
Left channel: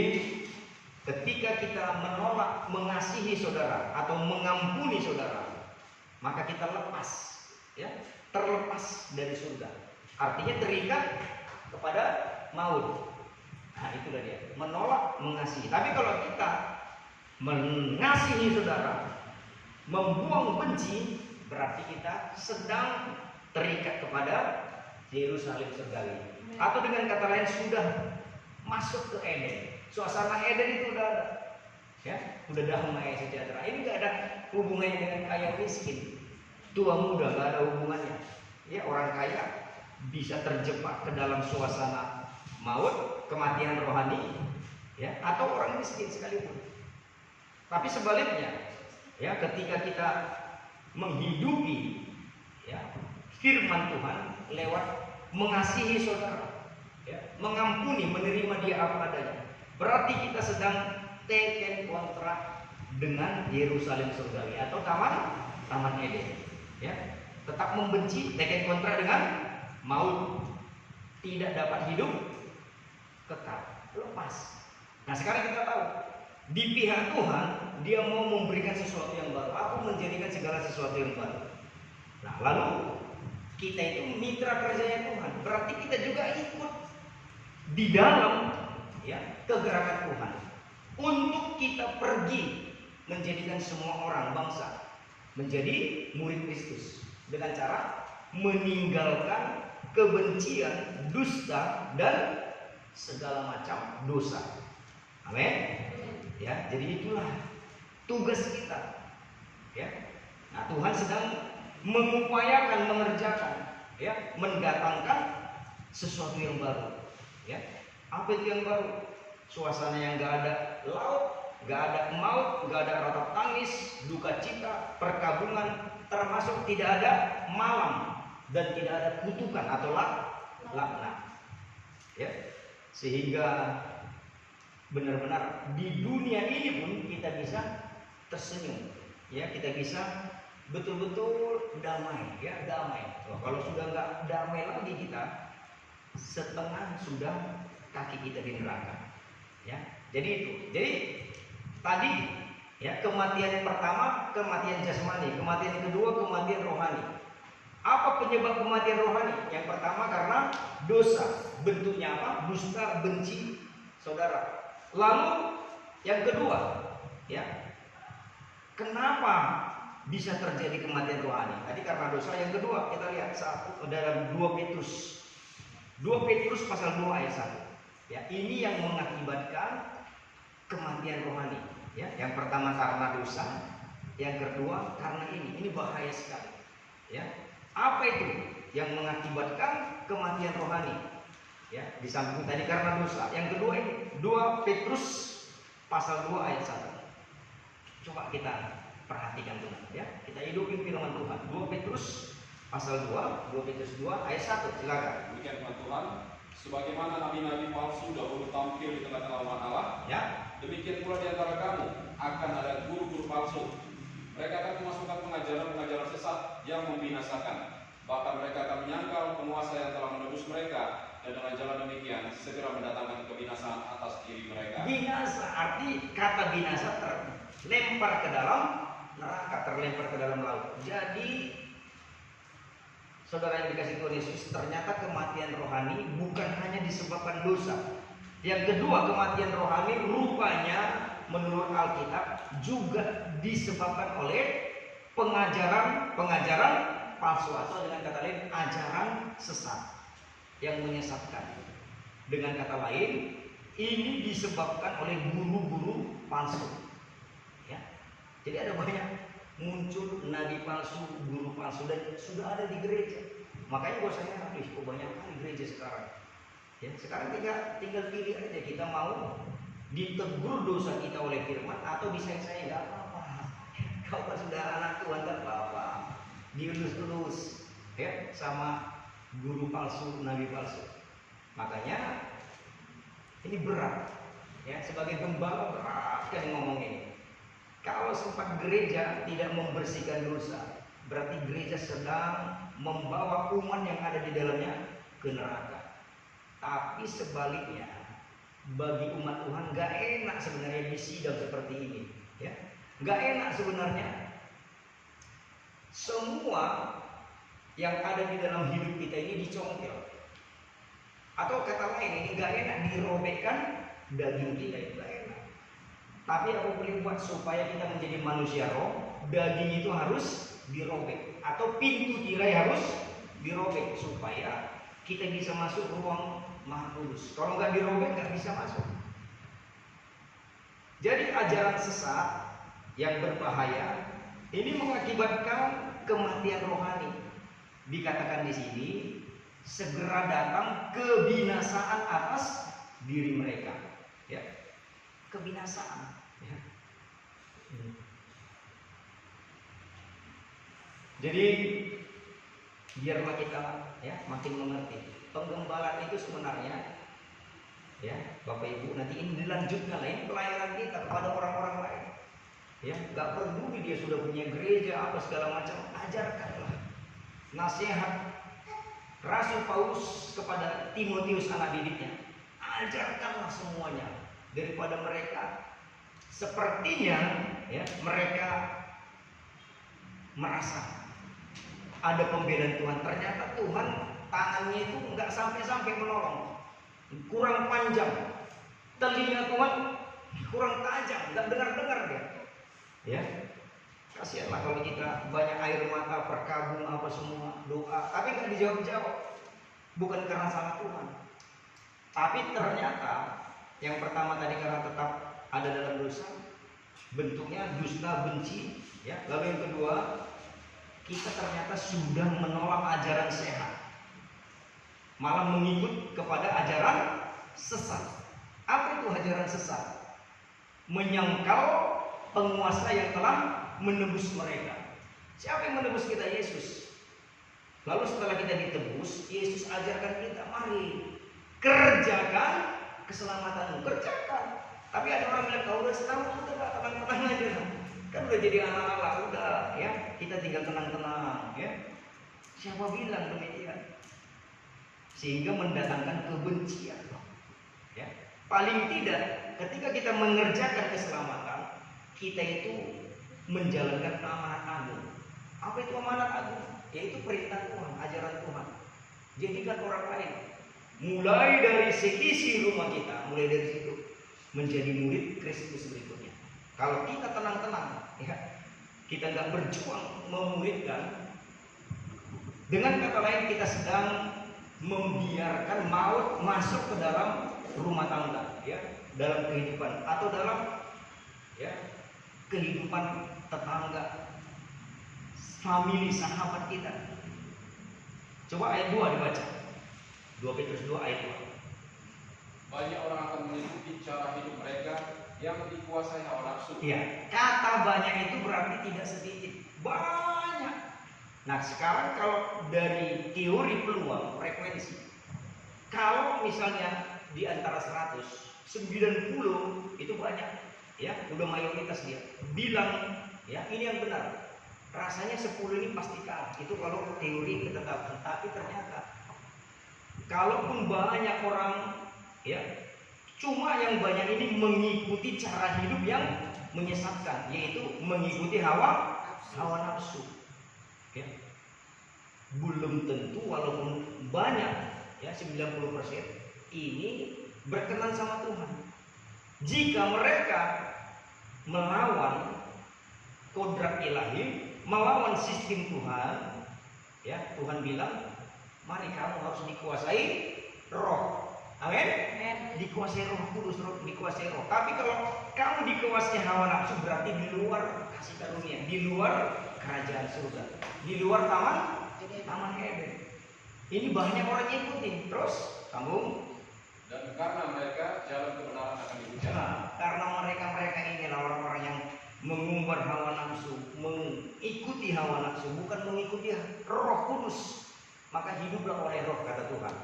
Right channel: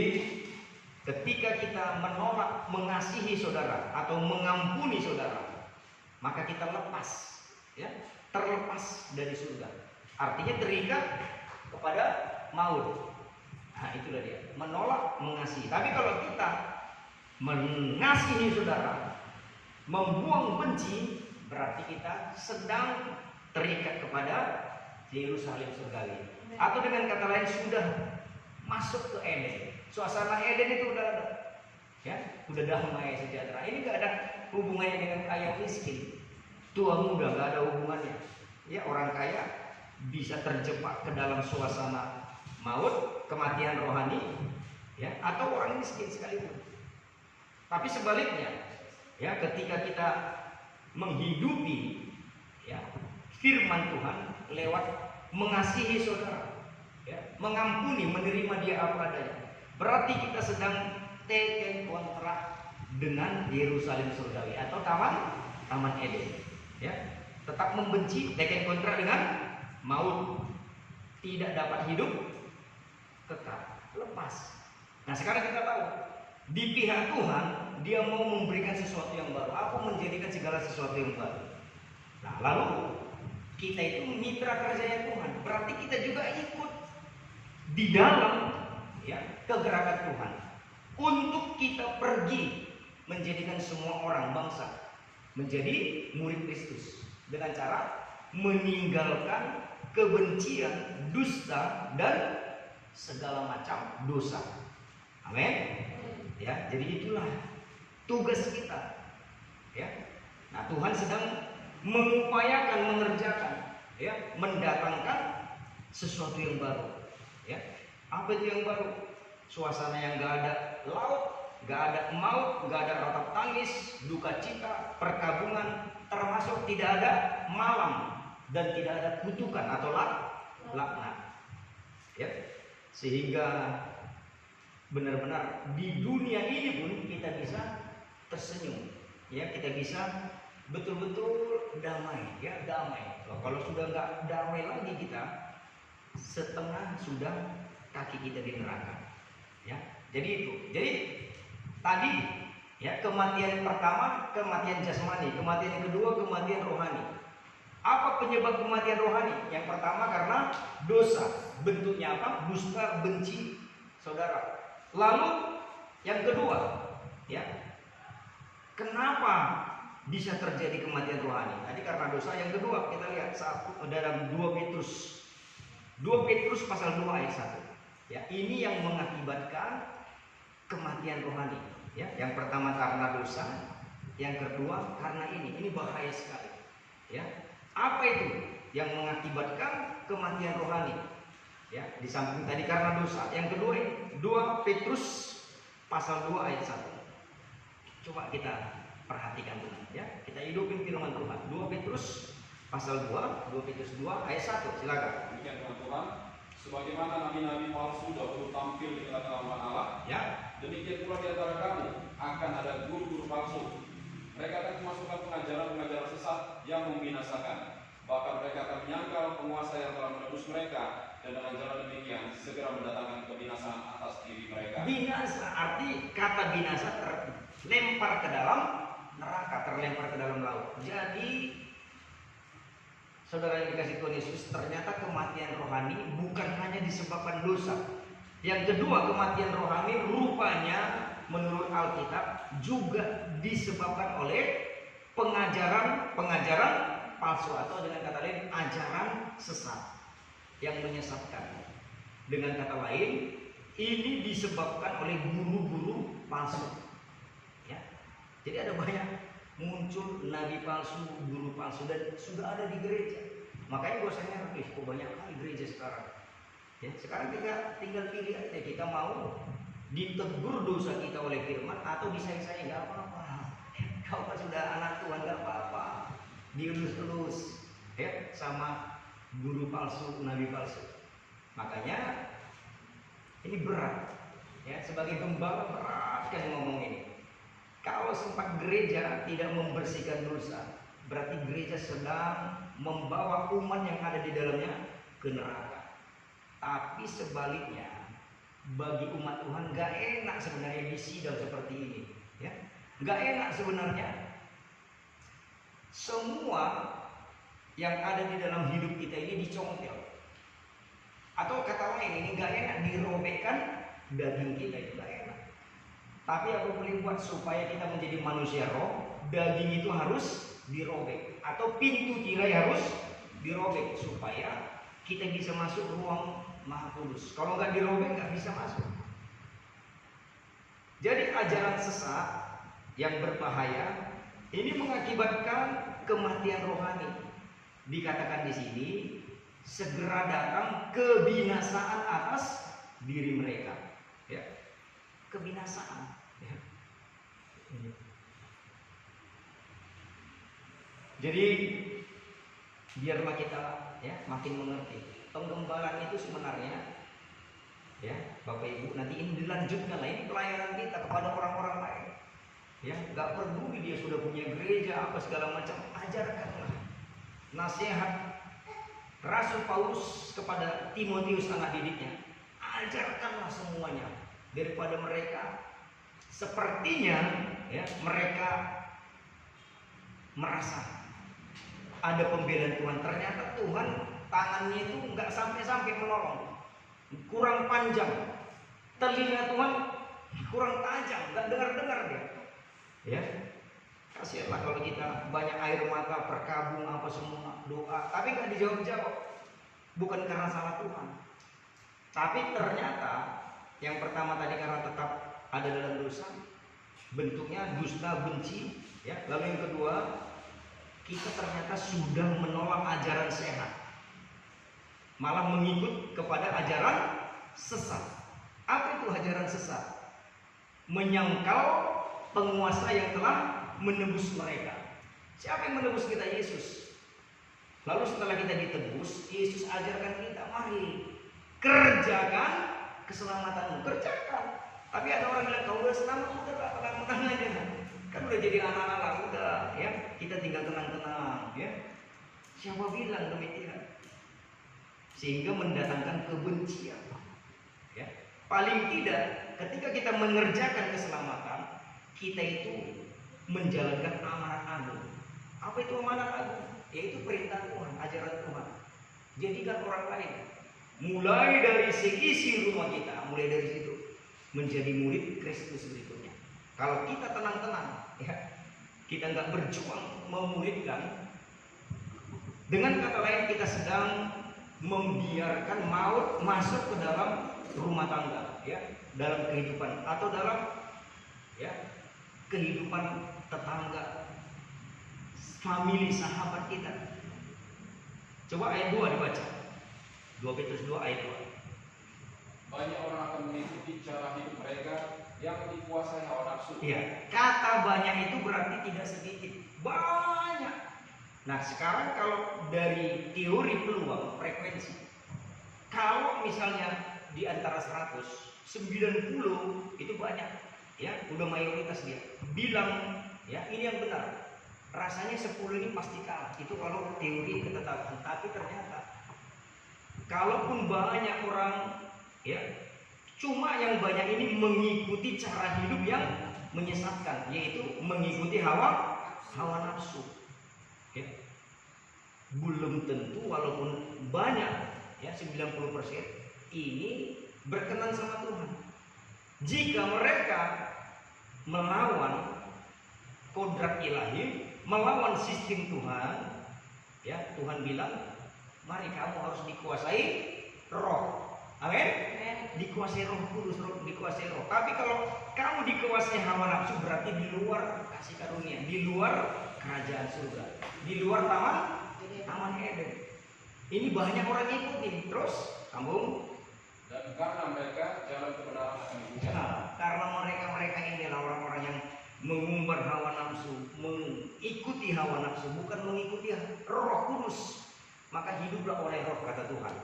ketika kita menolak mengasihi saudara atau mengampuni saudara, maka kita lepas, ya, terlepas dari surga. Artinya terikat kepada maut. Nah, itulah dia, menolak mengasihi. Tapi kalau kita mengasihi saudara, membuang benci, berarti kita sedang terikat kepada Yerusalem surgawi. Atau dengan kata lain sudah masuk ke Eden. Suasana Eden itu udah ada, ya, udah damai sejahtera. Ini nggak ada hubungannya dengan kaya miskin, tua muda, nggak ada hubungannya. Ya, orang kaya bisa terjebak ke dalam suasana maut, kematian rohani, ya, atau orang miskin sekalipun. Tapi sebaliknya, ya, ketika kita menghidupi, ya, firman Tuhan lewat mengasihi saudara, ya, mengampuni, menerima dia apa adanya, berarti kita sedang teken kontrak dengan Yerusalem surgawi atau taman Eden, ya. Tetap membenci, teken kontrak dengan maut, tidak dapat hidup, tetap lepas. Nah, sekarang kita tahu di pihak Tuhan dia mau memberikan sesuatu yang baru. Aku menjadikan segala sesuatu yang baru. Nah, lalu kita itu mitra kerjanya Tuhan. Berarti kita juga ikut di dalam, ya, kegerakan Tuhan untuk kita pergi menjadikan semua orang bangsa menjadi murid Kristus dengan cara meninggalkan kebencian, dusta, dan segala macam dosa. Amin. Ya, jadi itulah tugas kita. Ya. Nah, Tuhan sedang mengupayakan, mengerjakan, ya, mendatangkan sesuatu yang baru. Ya. Apa itu yang baru? Suasana yang gak ada laut, gak ada maut, gak ada ratap tangis, duka cita, perkabungan, termasuk tidak ada malam dan tidak ada kutukan atau laknat. Ya, sehingga benar-benar di dunia ini pun kita bisa tersenyum, ya, kita bisa betul-betul damai, ya, damai. Kalau sudah nggak damai lagi kita, setengah sudah kaki kita di neraka, ya. Jadi itu. Jadi tadi, ya, kematian pertama kematian jasmani, kematian kedua kematian rohani. Apa penyebab kematian rohani? Yang pertama karena dosa, bentuknya apa? Dusta, benci saudara. Lalu yang kedua, ya, kenapa bisa terjadi kematian rohani? Tadi karena dosa. Yang kedua kita lihat dalam 2 Petrus pasal 2 ayat 1. Ya, ini yang mengakibatkan kematian rohani. Ya, yang pertama karena dosa, yang kedua karena ini bahaya sekali. Ya, apa itu yang mengakibatkan kematian rohani? Ya, di samping tadi karena dosa, yang kedua ini 2 Petrus pasal 2 ayat 1. Coba kita perhatikan teman, ya. Kita hidupin firman Tuhan. 2 Petrus pasal 2 Petrus 2 ayat 1. Silakan. Demikian firman Tuhan, sebagaimana nabi-nabi palsu dahulu tampil di tengah-tengah umat Allah, Ya. demikian pula di antara kamu akan ada guru-guru palsu. Mereka akan memasukkan pengajaran-pengajaran sesat yang membinasakan. Bahkan mereka akan menyangkal penguasa yang telah menebus mereka, dan dengan jalan demikian segera mendatangkan kebinasaan atas diri mereka. Binasa, arti kata binasa terlempar ke dalam neraka, terlempar ke dalam laut. Jadi saudara yang dikasih Tuhan Yesus, ternyata kematian rohani bukan hanya disebabkan dosa. Yang kedua, kematian rohani rupanya menurut Alkitab juga disebabkan oleh pengajaran palsu, atau dengan kata lain ajaran sesat yang menyesatkan. Dengan kata lain, ini disebabkan oleh guru-guru palsu. Ya. Jadi ada banyak muncul nabi palsu, guru palsu, dan sudah ada di gereja. Makanya gue heran, kok banyak kali gereja sekarang. Ya, sekarang kita tinggal pilih aja, kita mau ditegur dosa kita oleh firman atau disayang-sayang, nggak apa-apa. Kau kan sudah anak Tuhan, nggak apa-apa. Dielus-elus, ya, sama guru palsu, nabi palsu. Makanya ini berat, ya, sebagai gembala berat kan ngomong ini. Kalau sempat gereja tidak membersihkan dosa, berarti gereja sedang membawa umat yang ada di dalamnya ke neraka. Tapi sebaliknya, bagi umat Tuhan gak enak sebenarnya di sidang seperti ini, ya. Gak enak sebenarnya semua yang ada di dalam hidup kita ini dicongkel. Atau kata lain, ini gak enak dirobekkan daging kita, itu gak enak. Tapi aku boleh buat supaya kita menjadi manusia roh, daging itu harus dirobek, atau pintu tirai harus dirobek supaya kita bisa masuk ruang Maha Kudus. Kalau nggak dirobek nggak bisa masuk. Jadi ajaran sesat yang berbahaya ini mengakibatkan kematian rohani. Dikatakan di sini segera datang kebinasaan atas diri mereka. Ya, kebinasaan. Ya. Jadi biarlah kita, ya, makin mengerti. Penggembalaan itu sebenarnya, ya, Bapak Ibu, nanti ini dilanjutkan lain pelayanan kita kepada orang-orang lain. Ya, nggak peduli dia sudah punya gereja apa segala macam, ajarkanlah nasihat Rasul Paulus kepada Timotius anak didiknya. Ajarkanlah semuanya, daripada mereka sepertinya, ya, mereka merasa ada pembelaan Tuhan, ternyata Tuhan tangannya itu nggak sampai-sampai menolong, kurang panjang, telinga Tuhan kurang tajam, nggak dengar-dengar dia. Ya, kasihanlah kalau kita banyak air mata, berkabung apa semua, doa, tapi nggak dijawab-jawab. Bukan karena salah Tuhan, tapi ternyata yang pertama tadi karena tetap ada dalam dosa, bentuknya dusta, benci, ya. Lalu yang kedua, kita ternyata sudah menolak ajaran sehat, malah mengikut kepada ajaran sesat. Apa itu ajaran sesat? Menyangkal penguasa yang telah menembus mereka. Siapa yang menebus kita? Yesus. Lalu setelah kita ditebus, Yesus ajarkan kita, mari kerjakan keselamatanmu, kerjakan. Tapi ada orang bilang, kau udah selamat, udah tenang-tenang aja. Kan udah jadi anak-anak, udah ya, kita tinggal tenang-tenang ya. Siapa bilang demikian? Sehingga mendatangkan kebencian. Ya. Paling tidak, ketika kita mengerjakan keselamatan, kita itu menjalankan amanat agung. Apa itu amanat agung? Yaitu perintah Tuhan, ajaran Tuhan. Jadikan orang lain, mulai dari seisi rumah kita, mulai dari situ menjadi murid Kristus berikutnya. Kalau kita tenang-tenang, ya, kita nggak berjuang memuridkan, dengan kata lain kita sedang membiarkan maut masuk ke dalam rumah tangga, ya, dalam kehidupan atau dalam ya kehidupan tetangga, famili, sahabat kita. Coba ayat 2 dibaca. 2 Petrus 2 ayat 2. Banyak orang akan mengikuti cara hidup mereka yang dikuasai hawa nafsu. Iya, kata banyak itu berarti tidak sedikit, banyak. Nah, sekarang kalau dari teori peluang frekuensi, kalau misalnya di antara 100, 90 itu banyak, ya, udah mayoritas dia bilang, ya, ini yang benar. Rasanya 10 ini pasti kalah. Itu kalau teori ketetapan. Tapi ternyata kalaupun banyak orang, ya, cuma yang banyak ini mengikuti cara hidup yang menyesatkan, yaitu mengikuti hawa nafsu. Ya. Belum tentu walaupun banyak, ya, 90% ini berkenan sama Tuhan. Jika mereka melawan kodrat ilahi, melawan sistem Tuhan, ya, Tuhan bilang, mari kamu harus dikuasai roh. Amin. Dikuasai Roh Kudus, dikuasai roh. Tapi kalau kamu dikuasai hawa nafsu, berarti di luar kasih karunia, di luar kerajaan surga, di luar taman Eden. Ini banyak orang ikuti. Terus sambung. Dan karena mereka jalan kebenaran akan dihujat. Nah, karena mereka inilah orang-orang yang mengumbar hawa nafsu, mengikuti hawa nafsu, bukan mengikuti Roh Kudus. Maka hiduplah oleh roh, kata Tuhan.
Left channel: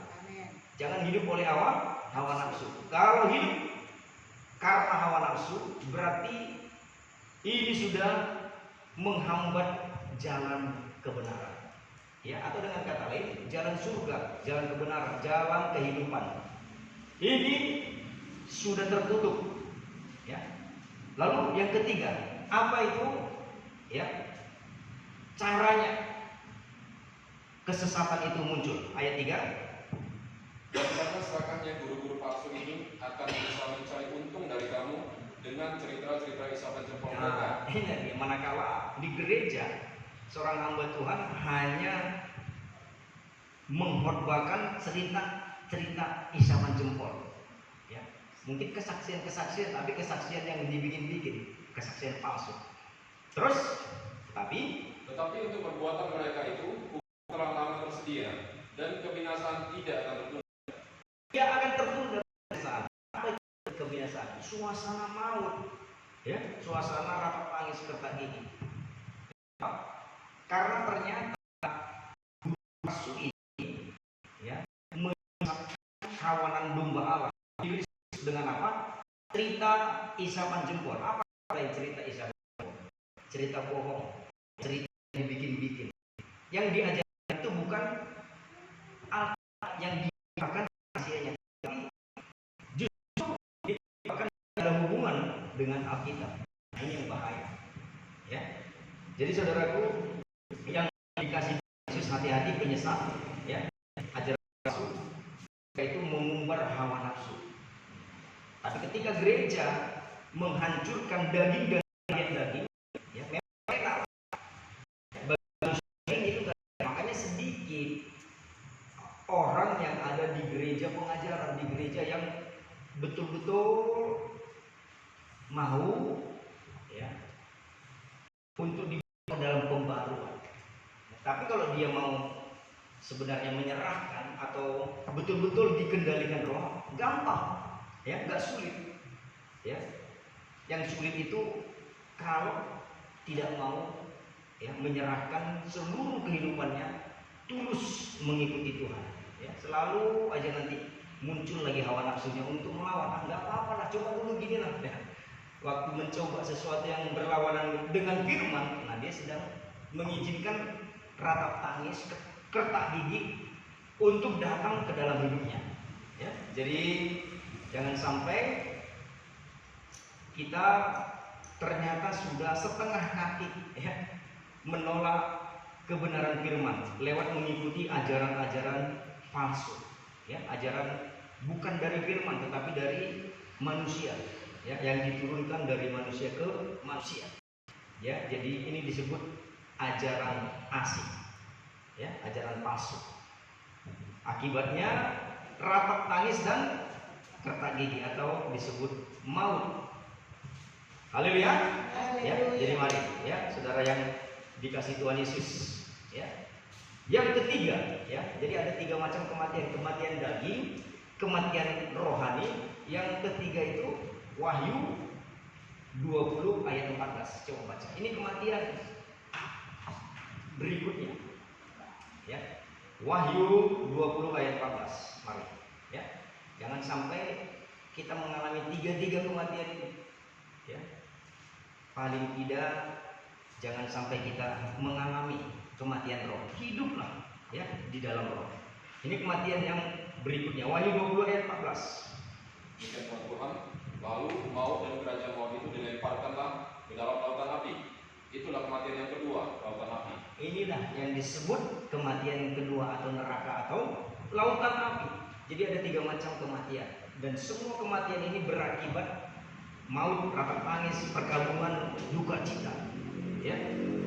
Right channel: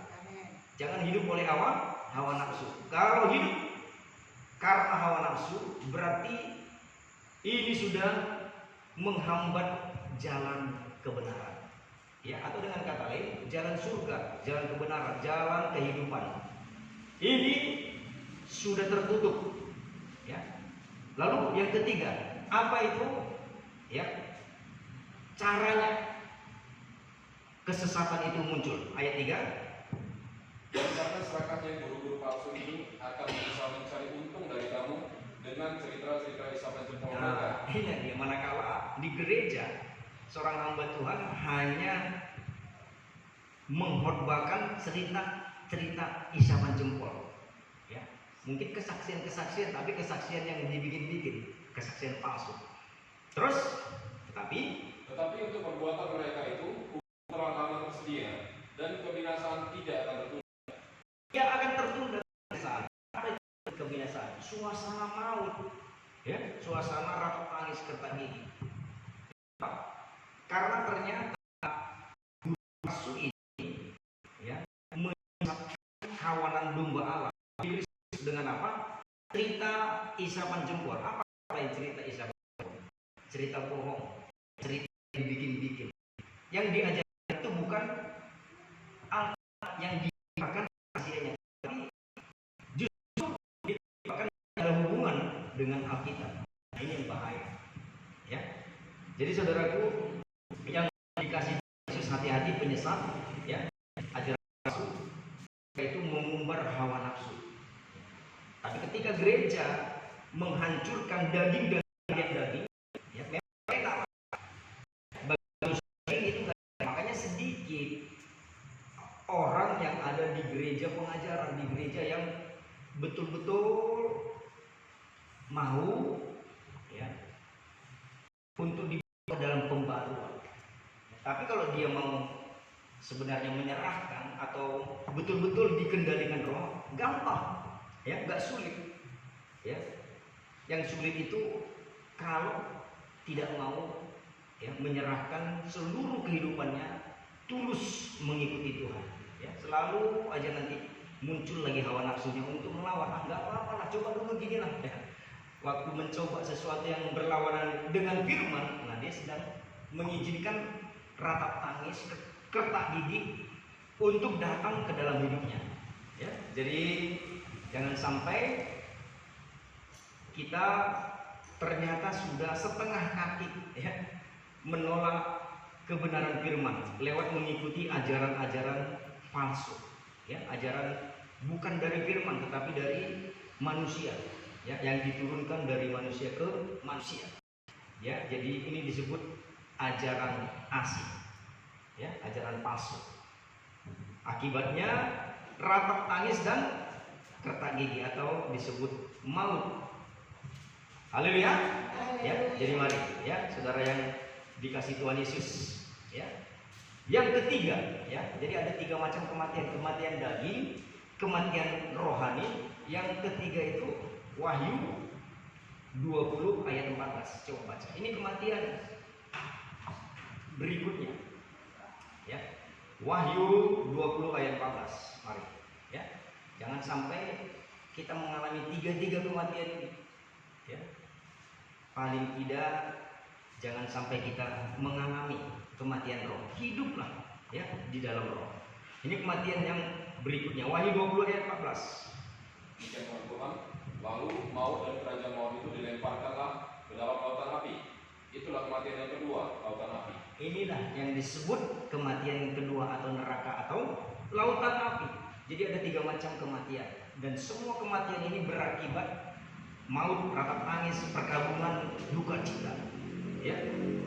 Jangan hidup oleh hawa nafsu. Kalau hidup karena hawa nafsu, berarti ini sudah menghambat jalan kebenaran. Ya, atau dengan kata lain, jalan surga, jalan kebenaran, jalan kehidupan. Ini sudah tertutup. Ya. Lalu yang ketiga, apa itu? Ya. Caranya kesesatan itu muncul. Ayat 3. Dan karena serakahnya guru-guru palsu ini akan berusaha mencari untung dari kamu dengan cerita-cerita isapan jempol mereka. Ini dia, manakala di gereja seorang hamba Tuhan hanya mengkhotbahkan cerita isapan jempol, ya, mungkin kesaksian, tapi kesaksian yang dibikin-bikin, kesaksian palsu. Terus, tetapi untuk perbuatan mereka itu hukum telah lama tersedia dan kebinasaan tidak akan tertunda. dia akan tertunda. Apa itu kebinasaan? Suasana maut, ya, suasana rapat tangis kerta gigi. Karena ternyata palsu ini, ya, menyesatkan kawanan domba Allah. Ditulis dengan apa? Cerita isapan jempol. Apa lain cerita isapan jempol? Cerita bohong, cerita dibikin-bikin. Yang diajarkan itu bukan yang diajarkan rahasianya, tapi justru diajarkan ada hubungan dengan Alkitab. Nah, ini yang bahaya, ya. Jadi saudaraku yang dikasih Yesus, hati-hati penyesat, ya, ajaran palsu itu mengumbar hawa nafsu. Tapi ketika gereja menghancurkan daging dan daging, ya, memang enak. Itu makanya sedikit orang yang ada di gereja pengajaran, di gereja yang betul-betul mau, ya, untuk dibawa dalam pembaruan. Tapi kalau dia mau sebenarnya menyerahkan atau betul-betul dikendalikan roh, gampang, ya, nggak sulit, ya. Yang sulit itu kalau tidak mau ya, menyerahkan seluruh kehidupannya tulus mengikuti Tuhan. Ya, selalu aja nanti muncul lagi hawa nafsunya untuk melawan. Nggak apa-apa lah, coba dulu gini lah. Ya. Waktu mencoba sesuatu yang berlawanan dengan firman, nah dia sedang mengizinkan ratap tangis, kertak gigi untuk datang ke dalam hidupnya. Ya, jadi jangan sampai kita ternyata sudah setengah kaki ya, menolak kebenaran firman lewat mengikuti ajaran-ajaran palsu, ya, ajaran bukan dari firman tetapi dari manusia, ya, yang diturunkan dari manusia ke manusia. Ya, jadi ini disebut ajaran asing, ya, ajaran palsu. Akibatnya rapat tangis dan kertak gigi atau disebut maut. Haleluya. Ya, jadi mari ya, saudara yang dikasih Tuhan Yesus, ya. Yang ketiga, ya. Jadi ada 3 macam kematian, kematian daging, kematian rohani. Yang ketiga itu Wahyu 20 ayat 14. Coba baca. Ini kematian berikutnya. Ya. Wahyu 20 ayat 14. Mari, ya. Jangan sampai kita mengalami 3 kematian ini. Ya. Paling tidak jangan sampai kita mengalami kematian roh. Hiduplah, ya, di dalam roh. Ini kematian yang berikutnya. Wahyu 20 ayat 14. Demikian firman Tuhan. Lalu maut dan kerajaan maut itu dilemparkanlah ke dalam lautan api. Itulah kematian yang kedua, lautan api. Inilah yang disebut kematian yang kedua atau neraka atau lautan api. Jadi ada 3 macam kematian dan semua kematian ini berakibat maut, ratap tangis, perkabungan, duka cita. Ya,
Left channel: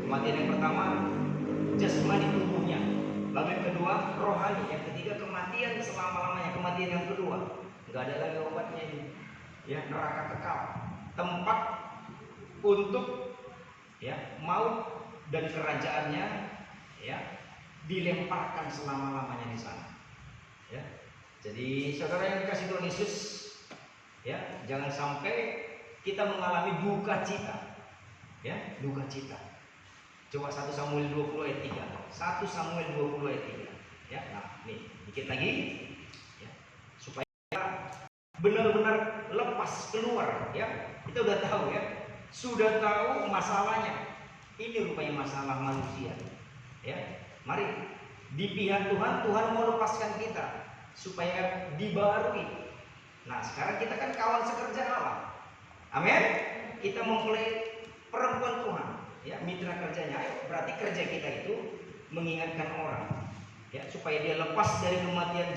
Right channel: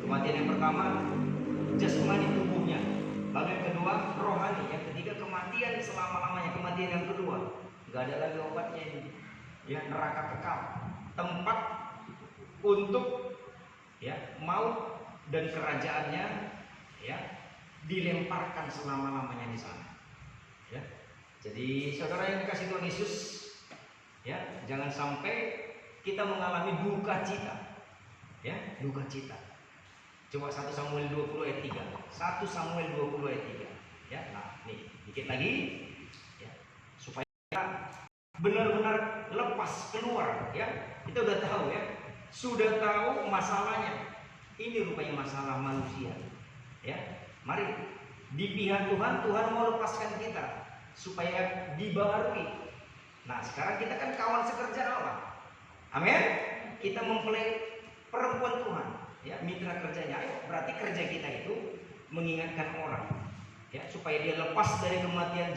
kematian yang pertama jasmani tubuhnya, lalu yang kedua rohani, yang ketiga kematian selama-lamanya. Kematian yang kedua nggak ada lagi obatnya ini, ya, neraka kekal, tempat untuk, ya, maut dan kerajaannya, ya, dilemparkan selama-lamanya di sana. Ya, jadi saudara yang dikasih Tuhan Yesus, ya, jangan sampai kita mengalami duka cita, ya, duka cita. Coba 1 Samuel 20 ayat 3. 1 Samuel 20 ayat 3. Ya, nah, nih, dikit lagi, ya, supaya benar-benar lepas keluar, ya. Kita udah tahu, ya, sudah tahu masalahnya. Ini rupanya masalah manusia, ya. Mari di pihak Tuhan, Tuhan mau lepaskan kita supaya dibaharui. Nah, sekarang kita kan kawan sekerja Allah. Amin. Kita mempelai perempuan Tuhan, ya, mitra kerjanya. Ayo, berarti kerja kita itu mengingatkan orang, ya, supaya dia lepas dari kematian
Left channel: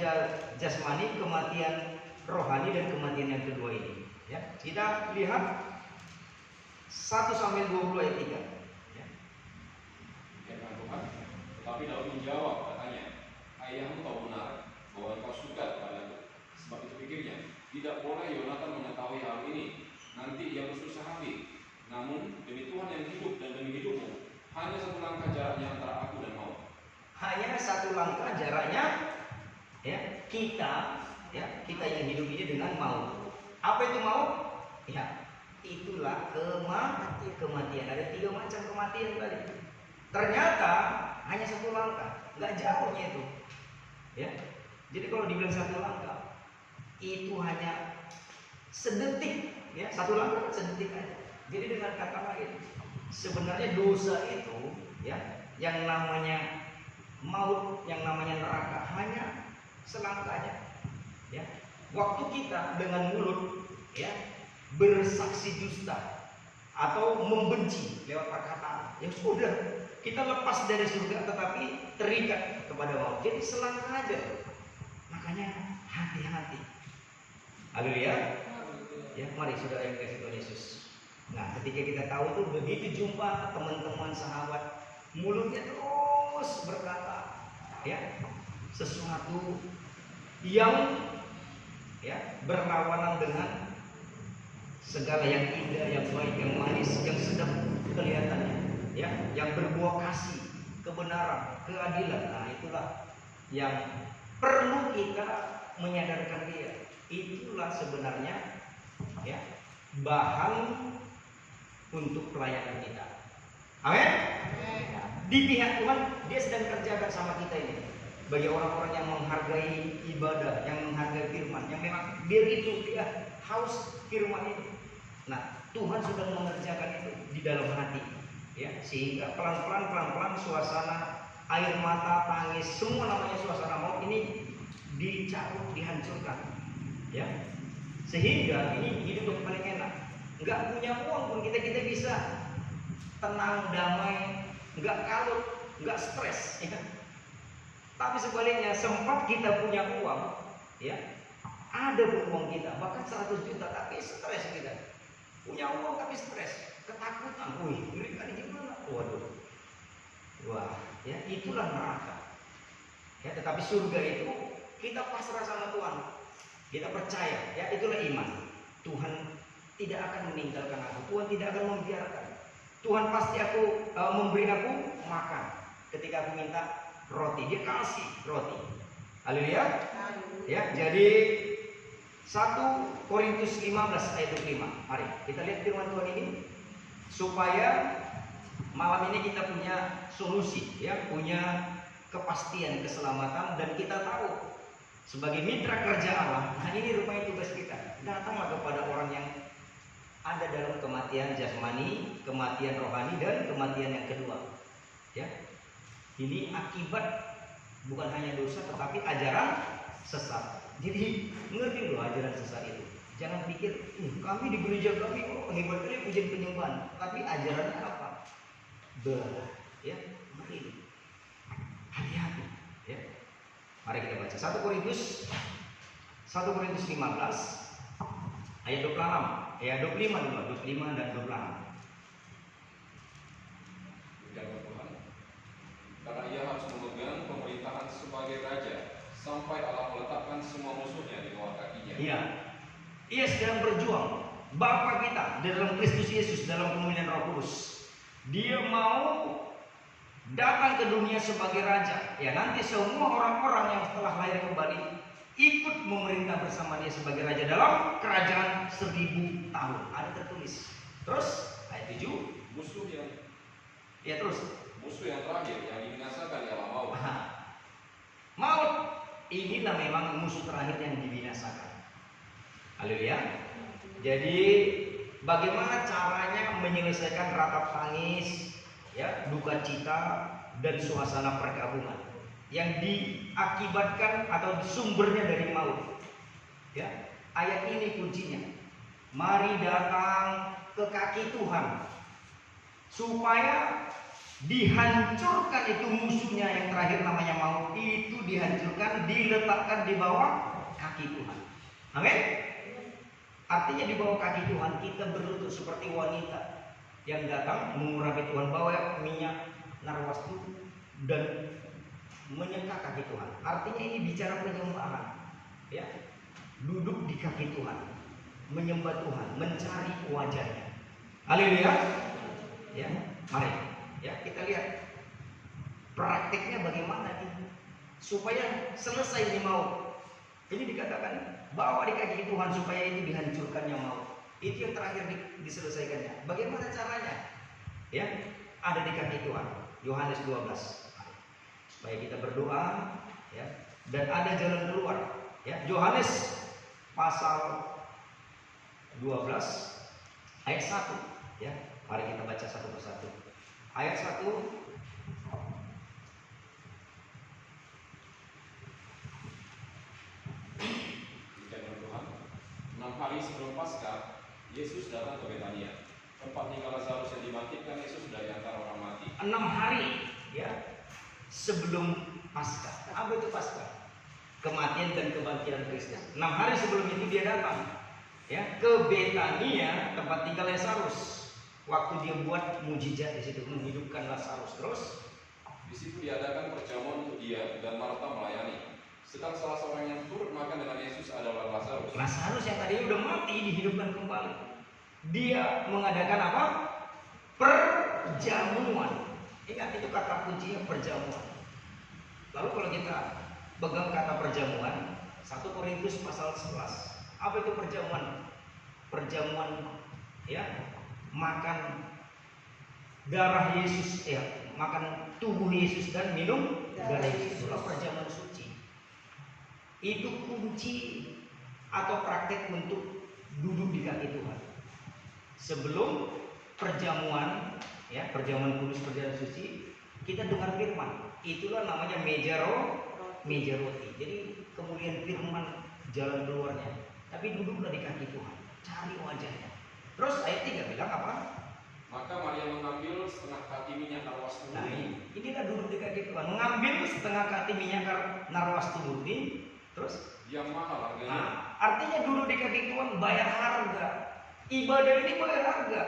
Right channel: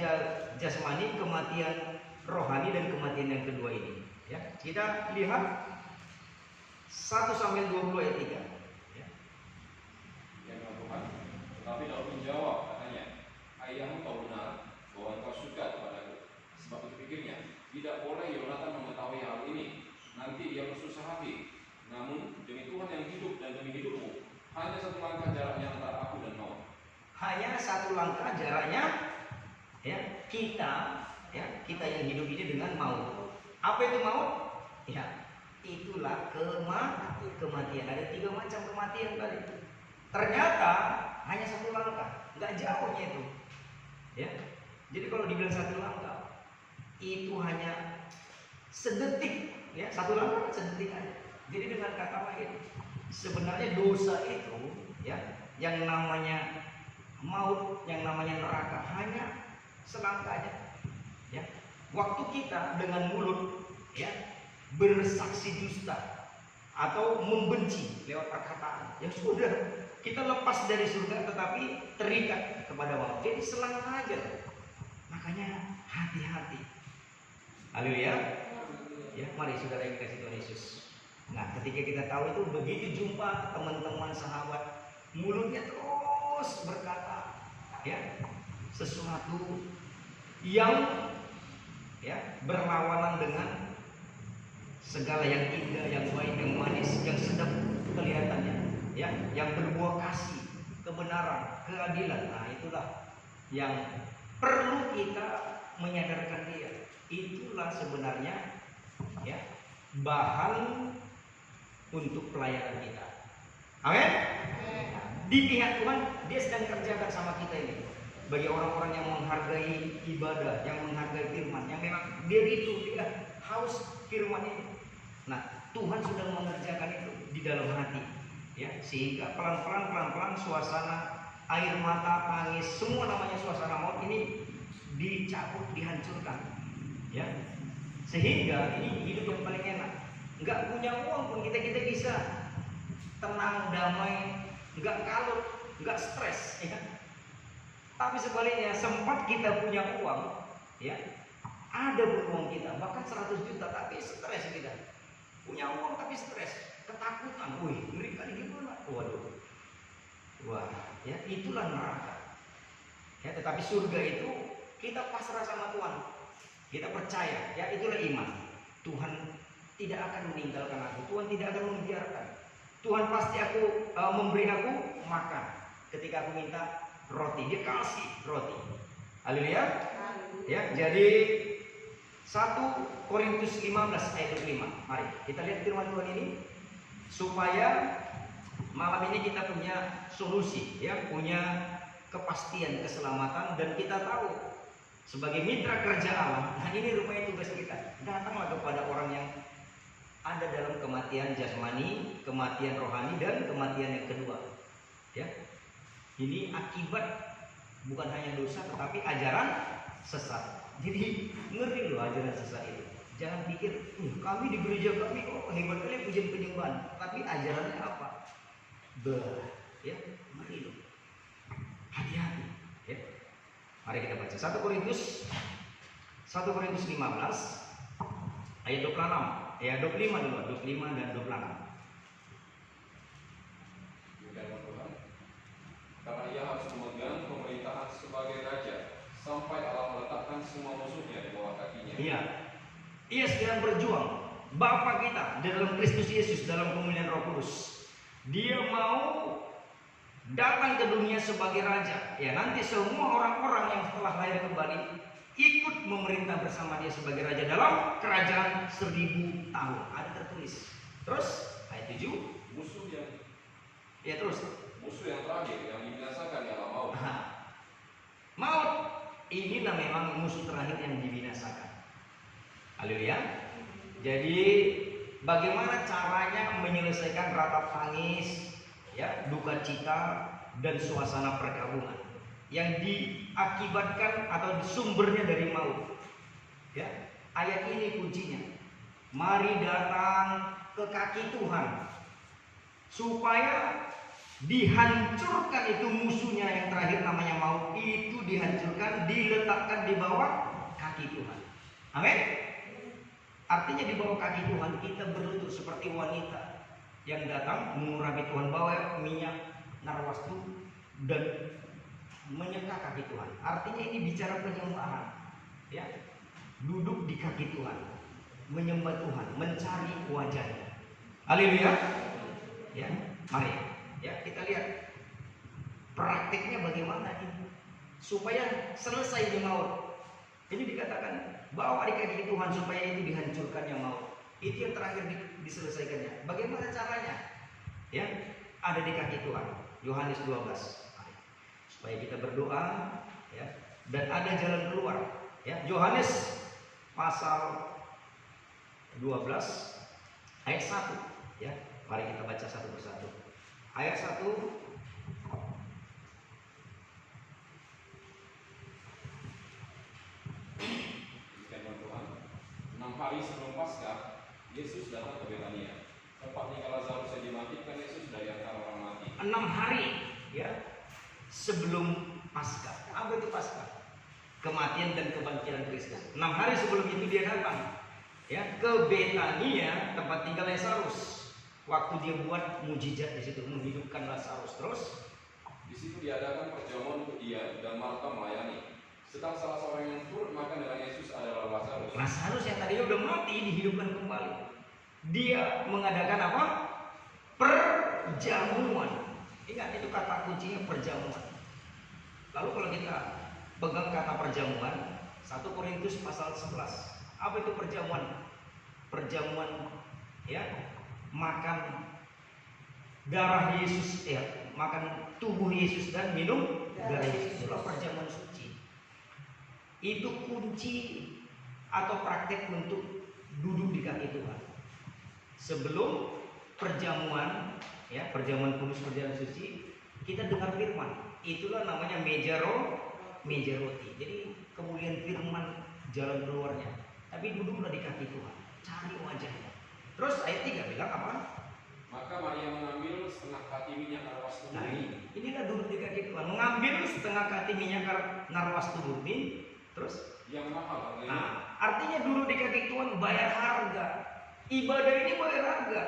jasmani, kematian rohani dan kematian yang kedua ini. Ya, kita lihat 1 Samuel 20 ayat 3. Ya. Tetapi Daud menjawab, katanya, ayahmu tahu benar bahwa engkau suka kepadaku. Sebab itu pikirnya, tidak boleh Yonatan mengetahui hal ini. Nanti ia bersusah hati. Namun demi Tuhan yang hidup dan demi hidupmu, hanya 1 langkah jaraknya antara aku dan maut. Hanya 1 langkah jaraknya, ya, kita yang hidup ini dengan maut. Apa itu maut? Ya, itulah kematian. Ada 3 macam kematian tadi. Ternyata hanya 1 langkah, nggak jauhnya itu. Ya, jadi kalau dibilang 1 langkah, itu hanya sedetik, ya, 1 langkah sedetik aja. Jadi dengan kata lain, sebenarnya dosa itu, ya, yang namanya maut, yang namanya neraka hanya selangkah aja. Ya, waktu kita dengan mulut, ya, bersaksi dusta atau membenci lewat perkataan, ya sudah, kita lepas dari surga tetapi terikat kepada maut. Jadi selangkah aja. Makanya hati-hati. Haleluya. Ya, mari saudara yang dikasih Tuhan Yesus. Nah, ketika kita tahu itu, begitu jumpa teman-teman sahabat, mulutnya terus berkata, ya, sesuatu yang, ya, berlawanan dengan segala yang indah, yang baik, yang manis, yang sedap kelihatannya, ya, yang berbuah kasih, kebenaran, keadilan. Nah, itulah yang perlu kita menyadarkan dia. Itulah sebenarnya, ya, bahan untuk pelayanan kita. Amin. di pihak Tuhan dia sedang kerjakan sama kita ini. Bagi orang-orang yang menghargai ibadah, yang menghargai firman, yang memang diri itu dia haus firman itu. Nah, Tuhan sudah mengerjakan itu di dalam hati, ya, sehingga pelan-pelan suasana air mata, tangis, semua namanya suasana maut ini dicabut, dihancurkan, ya, sehingga ini hidup yang paling enak. Nggak punya uang pun kita bisa tenang, damai, nggak kalut, nggak stres, ya. Tapi sebaliknya, sempat kita punya uang, ya, ada pun uang kita, bahkan 100 juta, tapi stres kita. Punya uang tapi stres, ketakutan, wih, mereka ini gimana? Waduh, wah, ya itulah neraka. Ya, tetapi surga itu kita pasrah sama Tuhan, kita percaya, ya itulah iman. Tuhan tidak akan meninggalkan aku, Tuhan tidak akan membiarkan. Tuhan pasti memberi aku makan. Ketika aku minta roti, dia kasih roti. Haleluya. Ya, jadi 1 Korintus 15 ayat 25. Mari kita lihat firman Tuhan ini supaya malam ini kita punya solusi, ya, punya kepastian keselamatan, dan kita tahu sebagai mitra kerja Allah. Nah, ini rupanya tugas kita. Datanglah kepada orang yang ada dalam kematian jasmani, kematian rohani, dan kematian yang kedua. Ya. Ini akibat bukan hanya dosa tetapi ajaran sesat. Jadi ngerti loh ajaran sesat itu. Jangan pikir kami di gereja kami kok hebat kali pujian penyembahan, tapi ajarannya apa? Ya, ngeri loh. Hati-hati, ya. Mari kita baca 1 Korintus 15 ayat 26, ya 25 dulu, 25 dan 26. Karena ia harus memegang pemerintahan sebagai raja sampai Allah meletakkan semua musuhnya di bawah kakinya. Iya, ia sedang berjuang. Bapa kita di dalam Kristus Yesus dalam kemuliaan Roh Kudus, dia mau datang ke dunia sebagai raja. Ya, nanti semua orang-orang yang setelah lahir kembali ikut memerintah bersama dia sebagai raja dalam kerajaan 1000 tahun. Ada tertulis. Terus ayat 7, Musuh yang terakhir yang dibinasakan ialah maut. Maut inilah memang musuh terakhir yang dibinasakan. Haleluya. Jadi bagaimana caranya menyelesaikan ratap tangis, ya, duka cita dan suasana perkabungan yang diakibatkan atau sumbernya dari maut. Ya, ayat ini kuncinya. Mari datang ke kaki Tuhan supaya dihancurkan itu musuhnya yang terakhir namanya maut, itu dihancurkan, diletakkan di bawah kaki Tuhan. Amin. Artinya di bawah kaki Tuhan kita berlutut seperti wanita yang datang mengurapi Tuhan, bawa minyak narwastu dan menyeka kaki Tuhan. Artinya ini bicara penyembahan, ya. Duduk di kaki Tuhan, menyembah Tuhan, mencari wajahnya. Haleluya. Ya, mari. Ya, kita lihat praktiknya bagaimana ini supaya selesai di maut. Ini dikatakan bawa di kaki Tuhan supaya itu dihancurkannya maut. Itu yang terakhir diselesaikannya. Bagaimana caranya? Ya, ada di kaki Tuhan. Yohanes 12. Supaya kita berdoa, ya, dan ada jalan keluar. Ya, Yohanes pasal 12 ayat 1. Ya, mari kita baca satu persatu. Ayat 1. Hari sebelum Paskah, Yesus datang ke Betania, tempat tinggal Lazarus yang dimatikan Yesus dari antara orang mati. 6 hari, ya, sebelum Paskah. Apa itu Paskah? Kematian dan kebangkitan Kristus. 6 hari sebelum itu dia datang, ya, ke Betania, tempat tinggal Lazarus. Waktu dia buat mujizat di situ, menghidupkan Lazarus. Terus di situ diadakan perjamuan untuk dia dan Marta melayani. Sedang salah seorang yang turut makan dengan Yesus adalah Lazarus. Lazarus yang tadinya udah mati dihidupkan kembali. Dia mengadakan apa? Perjamuan. Ingat itu kata kuncinya, perjamuan. Lalu kalau kita pegang kata perjamuan, 1 Korintus pasal 11. Apa itu perjamuan? Perjamuan, ya, makan darah Yesus, ya, makan tubuh Yesus dan minum darah Yesus. Itulah perjamuan suci. Itu kunci atau praktek untuk duduk di kaki Tuhan. Sebelum perjamuan, ya, perjamuan kudus, perjamuan suci, kita dengar firman. Itulah namanya meja roti. Jadi kemuliaan firman jalan keluarnya. Tapi duduklah di kaki Tuhan, cari wajahnya. Terus ayat 3 bilang apa? Maka Maria mengambil setengah kati minyak narwastu Nah, murni. inilah duduk di kaki Tuhan. Mengambil setengah kati minyak narwastu murni. Terus Yang mahal harganya. nah, artinya duduk di kaki Tuhan bayar harga. Ibadah ini bayar harga.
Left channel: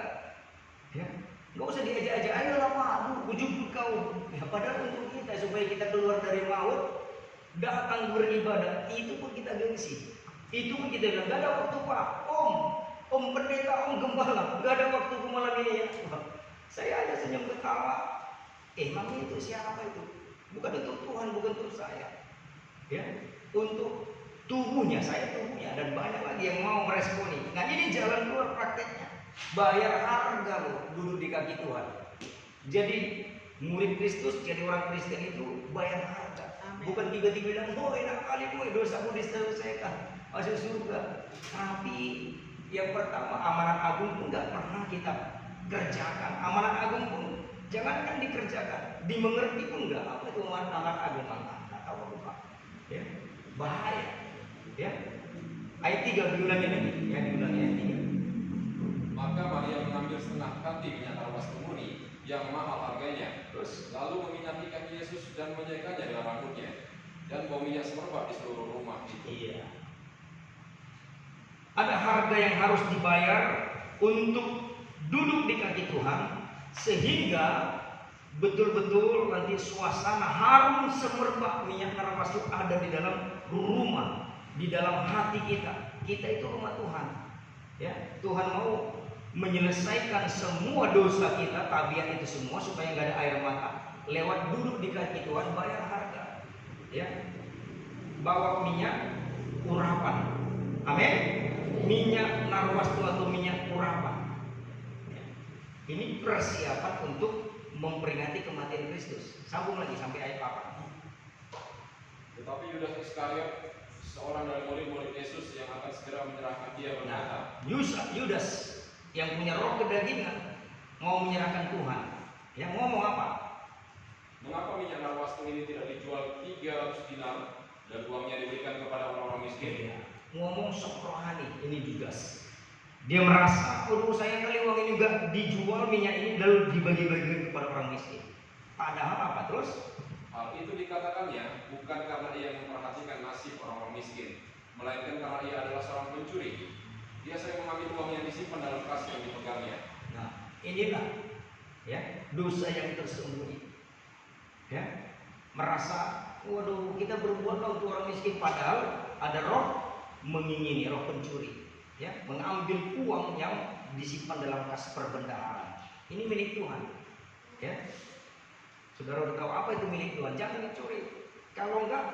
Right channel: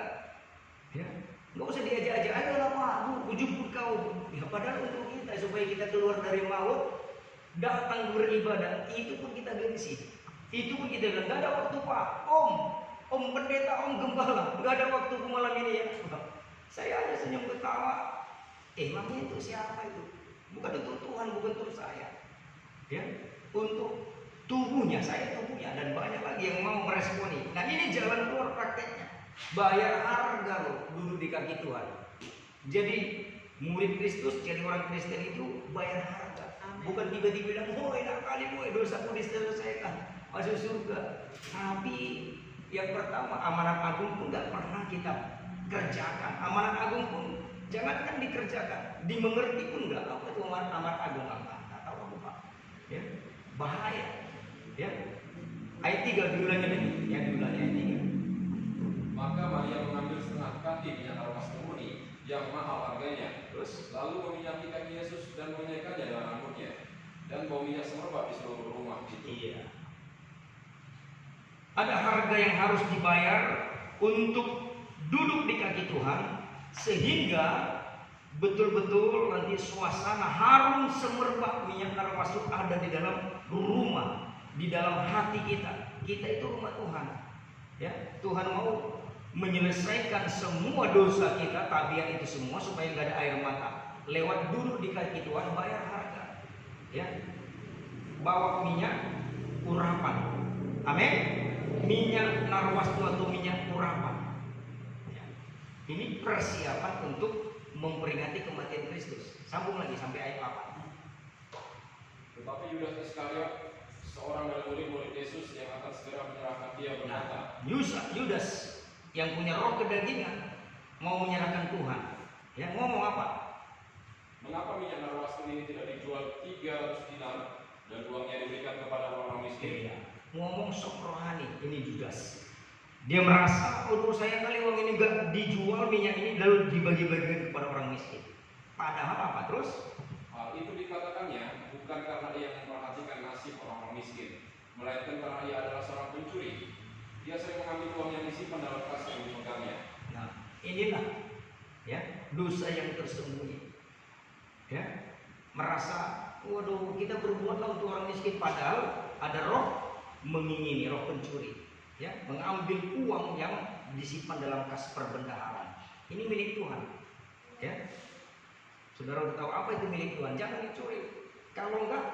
Ya, nggak usah diajak-ajak. Ayolah Pak, ujung kau. Ya, padahal untuk kita supaya kita keluar dari maut, datang beribadah. Itu pun kita gengsi. Itu pun kita bilang, gak ada waktu Pak. Om pendeta, om gembala, gak ada waktu malam ini ya. Saya aja senyum ketawa. Emang itu siapa itu? Bukan untuk Tuhan, bukan untuk saya. Ya, untuk tubuhnya, saya tubuhnya, dan banyak lagi yang mau meresponi. Nah, ini jalan keluar prakteknya. Bayar harga loh, duduk di kaki Tuhan. Jadi murid Kristus, jadi orang Kristen itu bayar harga. Bukan tiba-tiba bilang, enak kali dosaku diselesaikan, masuk surga. Tapi yang pertama, amanat agung pun gak pernah kita kerjakan. Amanat agung pun jangankan dikerjakan, dimengerti pun enggak. Apa itu amanat agung? Enggak tahu bukan. Ya, bahaya. Ya. Ayat 3 diulangi lagi. Ya, diulangi ayat 3. Maka Maria mengambil setengah kati minyak narwastu murni yang mahal harganya. Terus Lalu meminyaki kaki Yesus dan menyaikannya dengan rambutnya. Dan bau minyak semerbak di seluruh rumah itu. iya. Ada harga yang harus dibayar untuk duduk di kaki Tuhan, sehingga betul-betul nanti suasana harum semerbak minyak narwastu ada di dalam rumah, di dalam hati kita. Kita itu rumah Tuhan. Ya, Tuhan mau menyelesaikan semua dosa kita, tabiat itu semua, supaya nggak ada air mata. Lewat duduk di kaki Tuhan, bayar harga. Ya, bawa minyak urapan. Amin. Minyak narwastu atau minyak urapan. Ya. Ini persiapan untuk memperingati kematian Kristus. Sambung lagi sampai ayat 8. Tetapi Yudas Iskariot, seorang dari murid-murid Yesus yang akan segera menyerahkan dia, berkata, Yudas yang punya roh kedagingan mau menyerahkan Tuhan. Ya, ngomong apa? mengapa minyak narwastu ini tidak dijual 300 dinar dan uangnya diberikan kepada orang-orang miskin? Ya, ngomong sok rohani. Ini Yudas. Dia merasa, saya kali uang ini gak dijual, minyak ini lalu dibagi-bagikan kepada orang miskin. Padahal apa terus? Hal itu dikatakannya bukan karena dia memperhatikan nasib orang-orang miskin, melainkan karena dia adalah seorang pencuri. Dia sering mengambil uang yang disimpan dalam kas yang dipegangnya. Nah, inilah ya dosa yang tersembunyi. Ya, merasa, waduh, kita berbuatlah untuk orang miskin, padahal ada roh mengingini, roh pencuri. Ya, mengambil uang yang disimpan dalam kas perbendaharaan. Ini milik Tuhan. Ya, saudara udah tahu apa itu milik Tuhan? Jangan dicuri. Kalau enggak,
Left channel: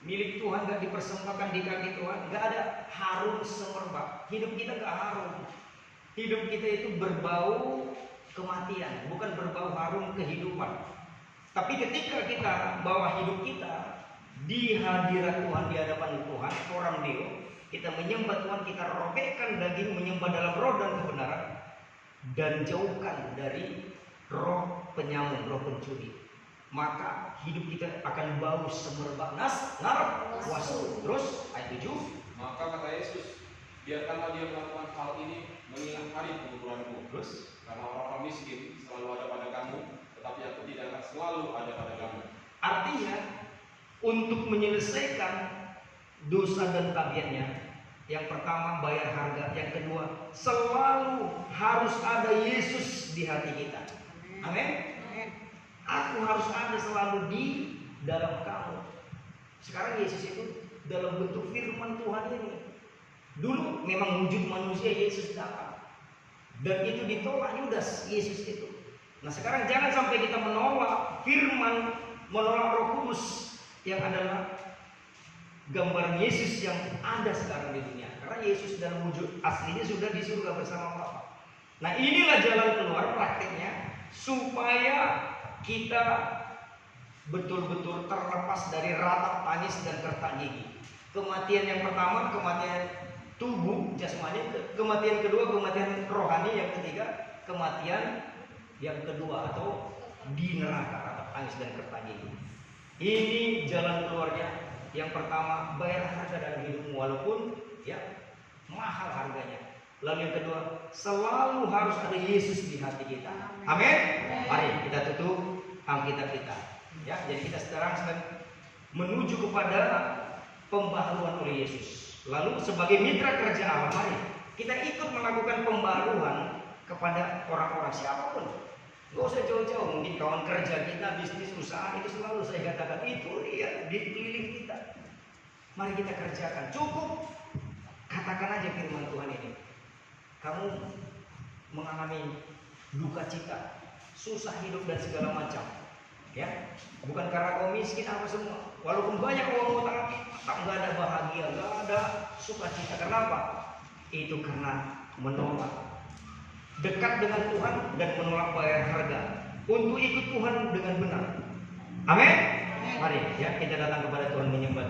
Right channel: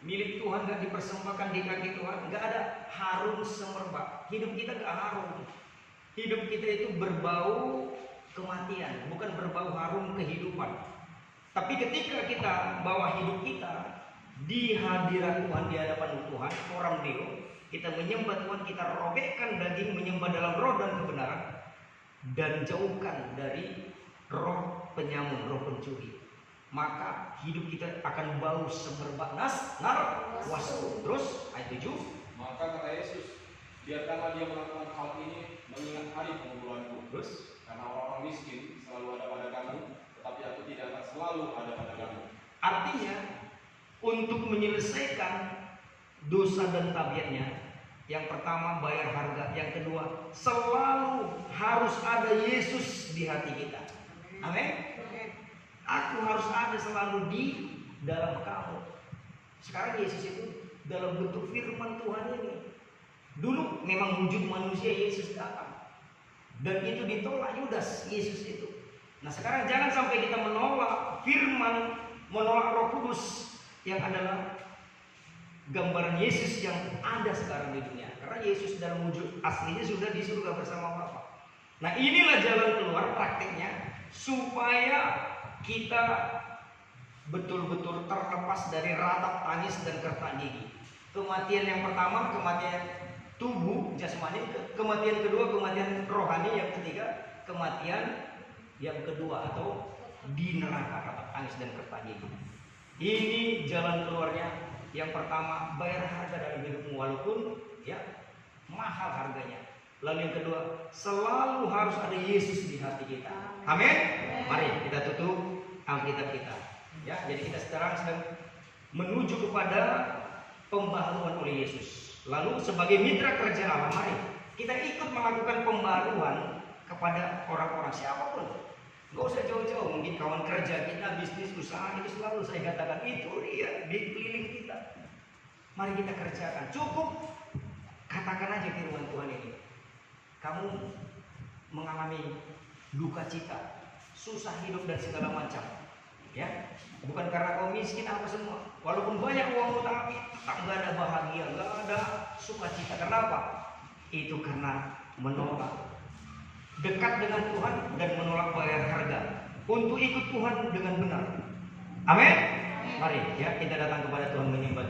milik Tuhan enggak dipersembahkan di kaki Tuhan, enggak ada harum semerbak. Hidup kita enggak harum. Hidup kita itu berbau kematian, bukan berbau harum kehidupan. Tapi ketika kita bawa hidup kita di hadirat Tuhan, di hadapan Tuhan, orang Deo, kita menyembah Tuhan, kita robekkan daging, menyembah dalam roh dan kebenaran, dan jauhkan dari roh penyamun, roh pencuri, maka hidup kita akan bau semerbak narwastu. Terus ayat 7. Maka kata Yesus, biarkanlah dia melakukan hal ini mengingat hari penguburanku. Terus Karena orang miskin selalu ada pada kamu, tetapi aku tidak akan selalu ada pada kamu. artinya untuk menyelesaikan dosa dan tabiatnya, yang pertama bayar harga, yang kedua selalu harus ada Yesus di hati kita. Amin. Aku harus ada selalu di dalam kamu. Sekarang Yesus itu dalam bentuk firman Tuhan ini. Dulu memang wujud manusia Yesus datang, dan itu ditolak Yudas, Yesus itu. Nah, sekarang jangan sampai kita menolak firman, menolak Roh Kudus yang adalah gambaran Yesus yang ada sekarang di dunia. Karena Yesus dalam wujud aslinya sudah di surga bersama Bapa. Nah, inilah jalan keluar praktiknya supaya kita betul-betul terlepas dari ratap tangis dan kertak gigi. Kematian yang pertama, kematian tubuh jasmani, kematian kedua kematian rohani, yang ketiga kematian yang kedua atau di neraka, ratap tangis dan kertak gigi. Ini jalan keluarnya. Yang pertama, bayar harga dalam hidupmu walaupun ya mahal harganya. Lalu yang kedua, selalu harus ada Yesus di hati kita. Amin. Mari kita tutup Alkitab kita. Ya, jadi kita sekarang sedang menuju kepada pembaharuan oleh Yesus. Lalu sebagai mitra kerja Allah, mari kita ikut melakukan pembaruan kepada orang-orang siapapun. Gak usah jauh-jauh, mungkin kawan kerja kita, bisnis, usaha, itu selalu saya katakan itu dia di keliling kita. Mari kita kerjakan. Cukup katakan aja firman Tuhan ini. Kamu mengalami duka cita, susah hidup dan segala macam, ya, bukan karena kau miskin apa semua. Walaupun banyak uangmu tapi nggak ada bahagia, nggak ada sukacita. Kenapa? Itu karena menolak dekat dengan Tuhan dan menolak bayar harga untuk ikut Tuhan dengan benar. Amin. Mari ya kita datang kepada Tuhan menyembah.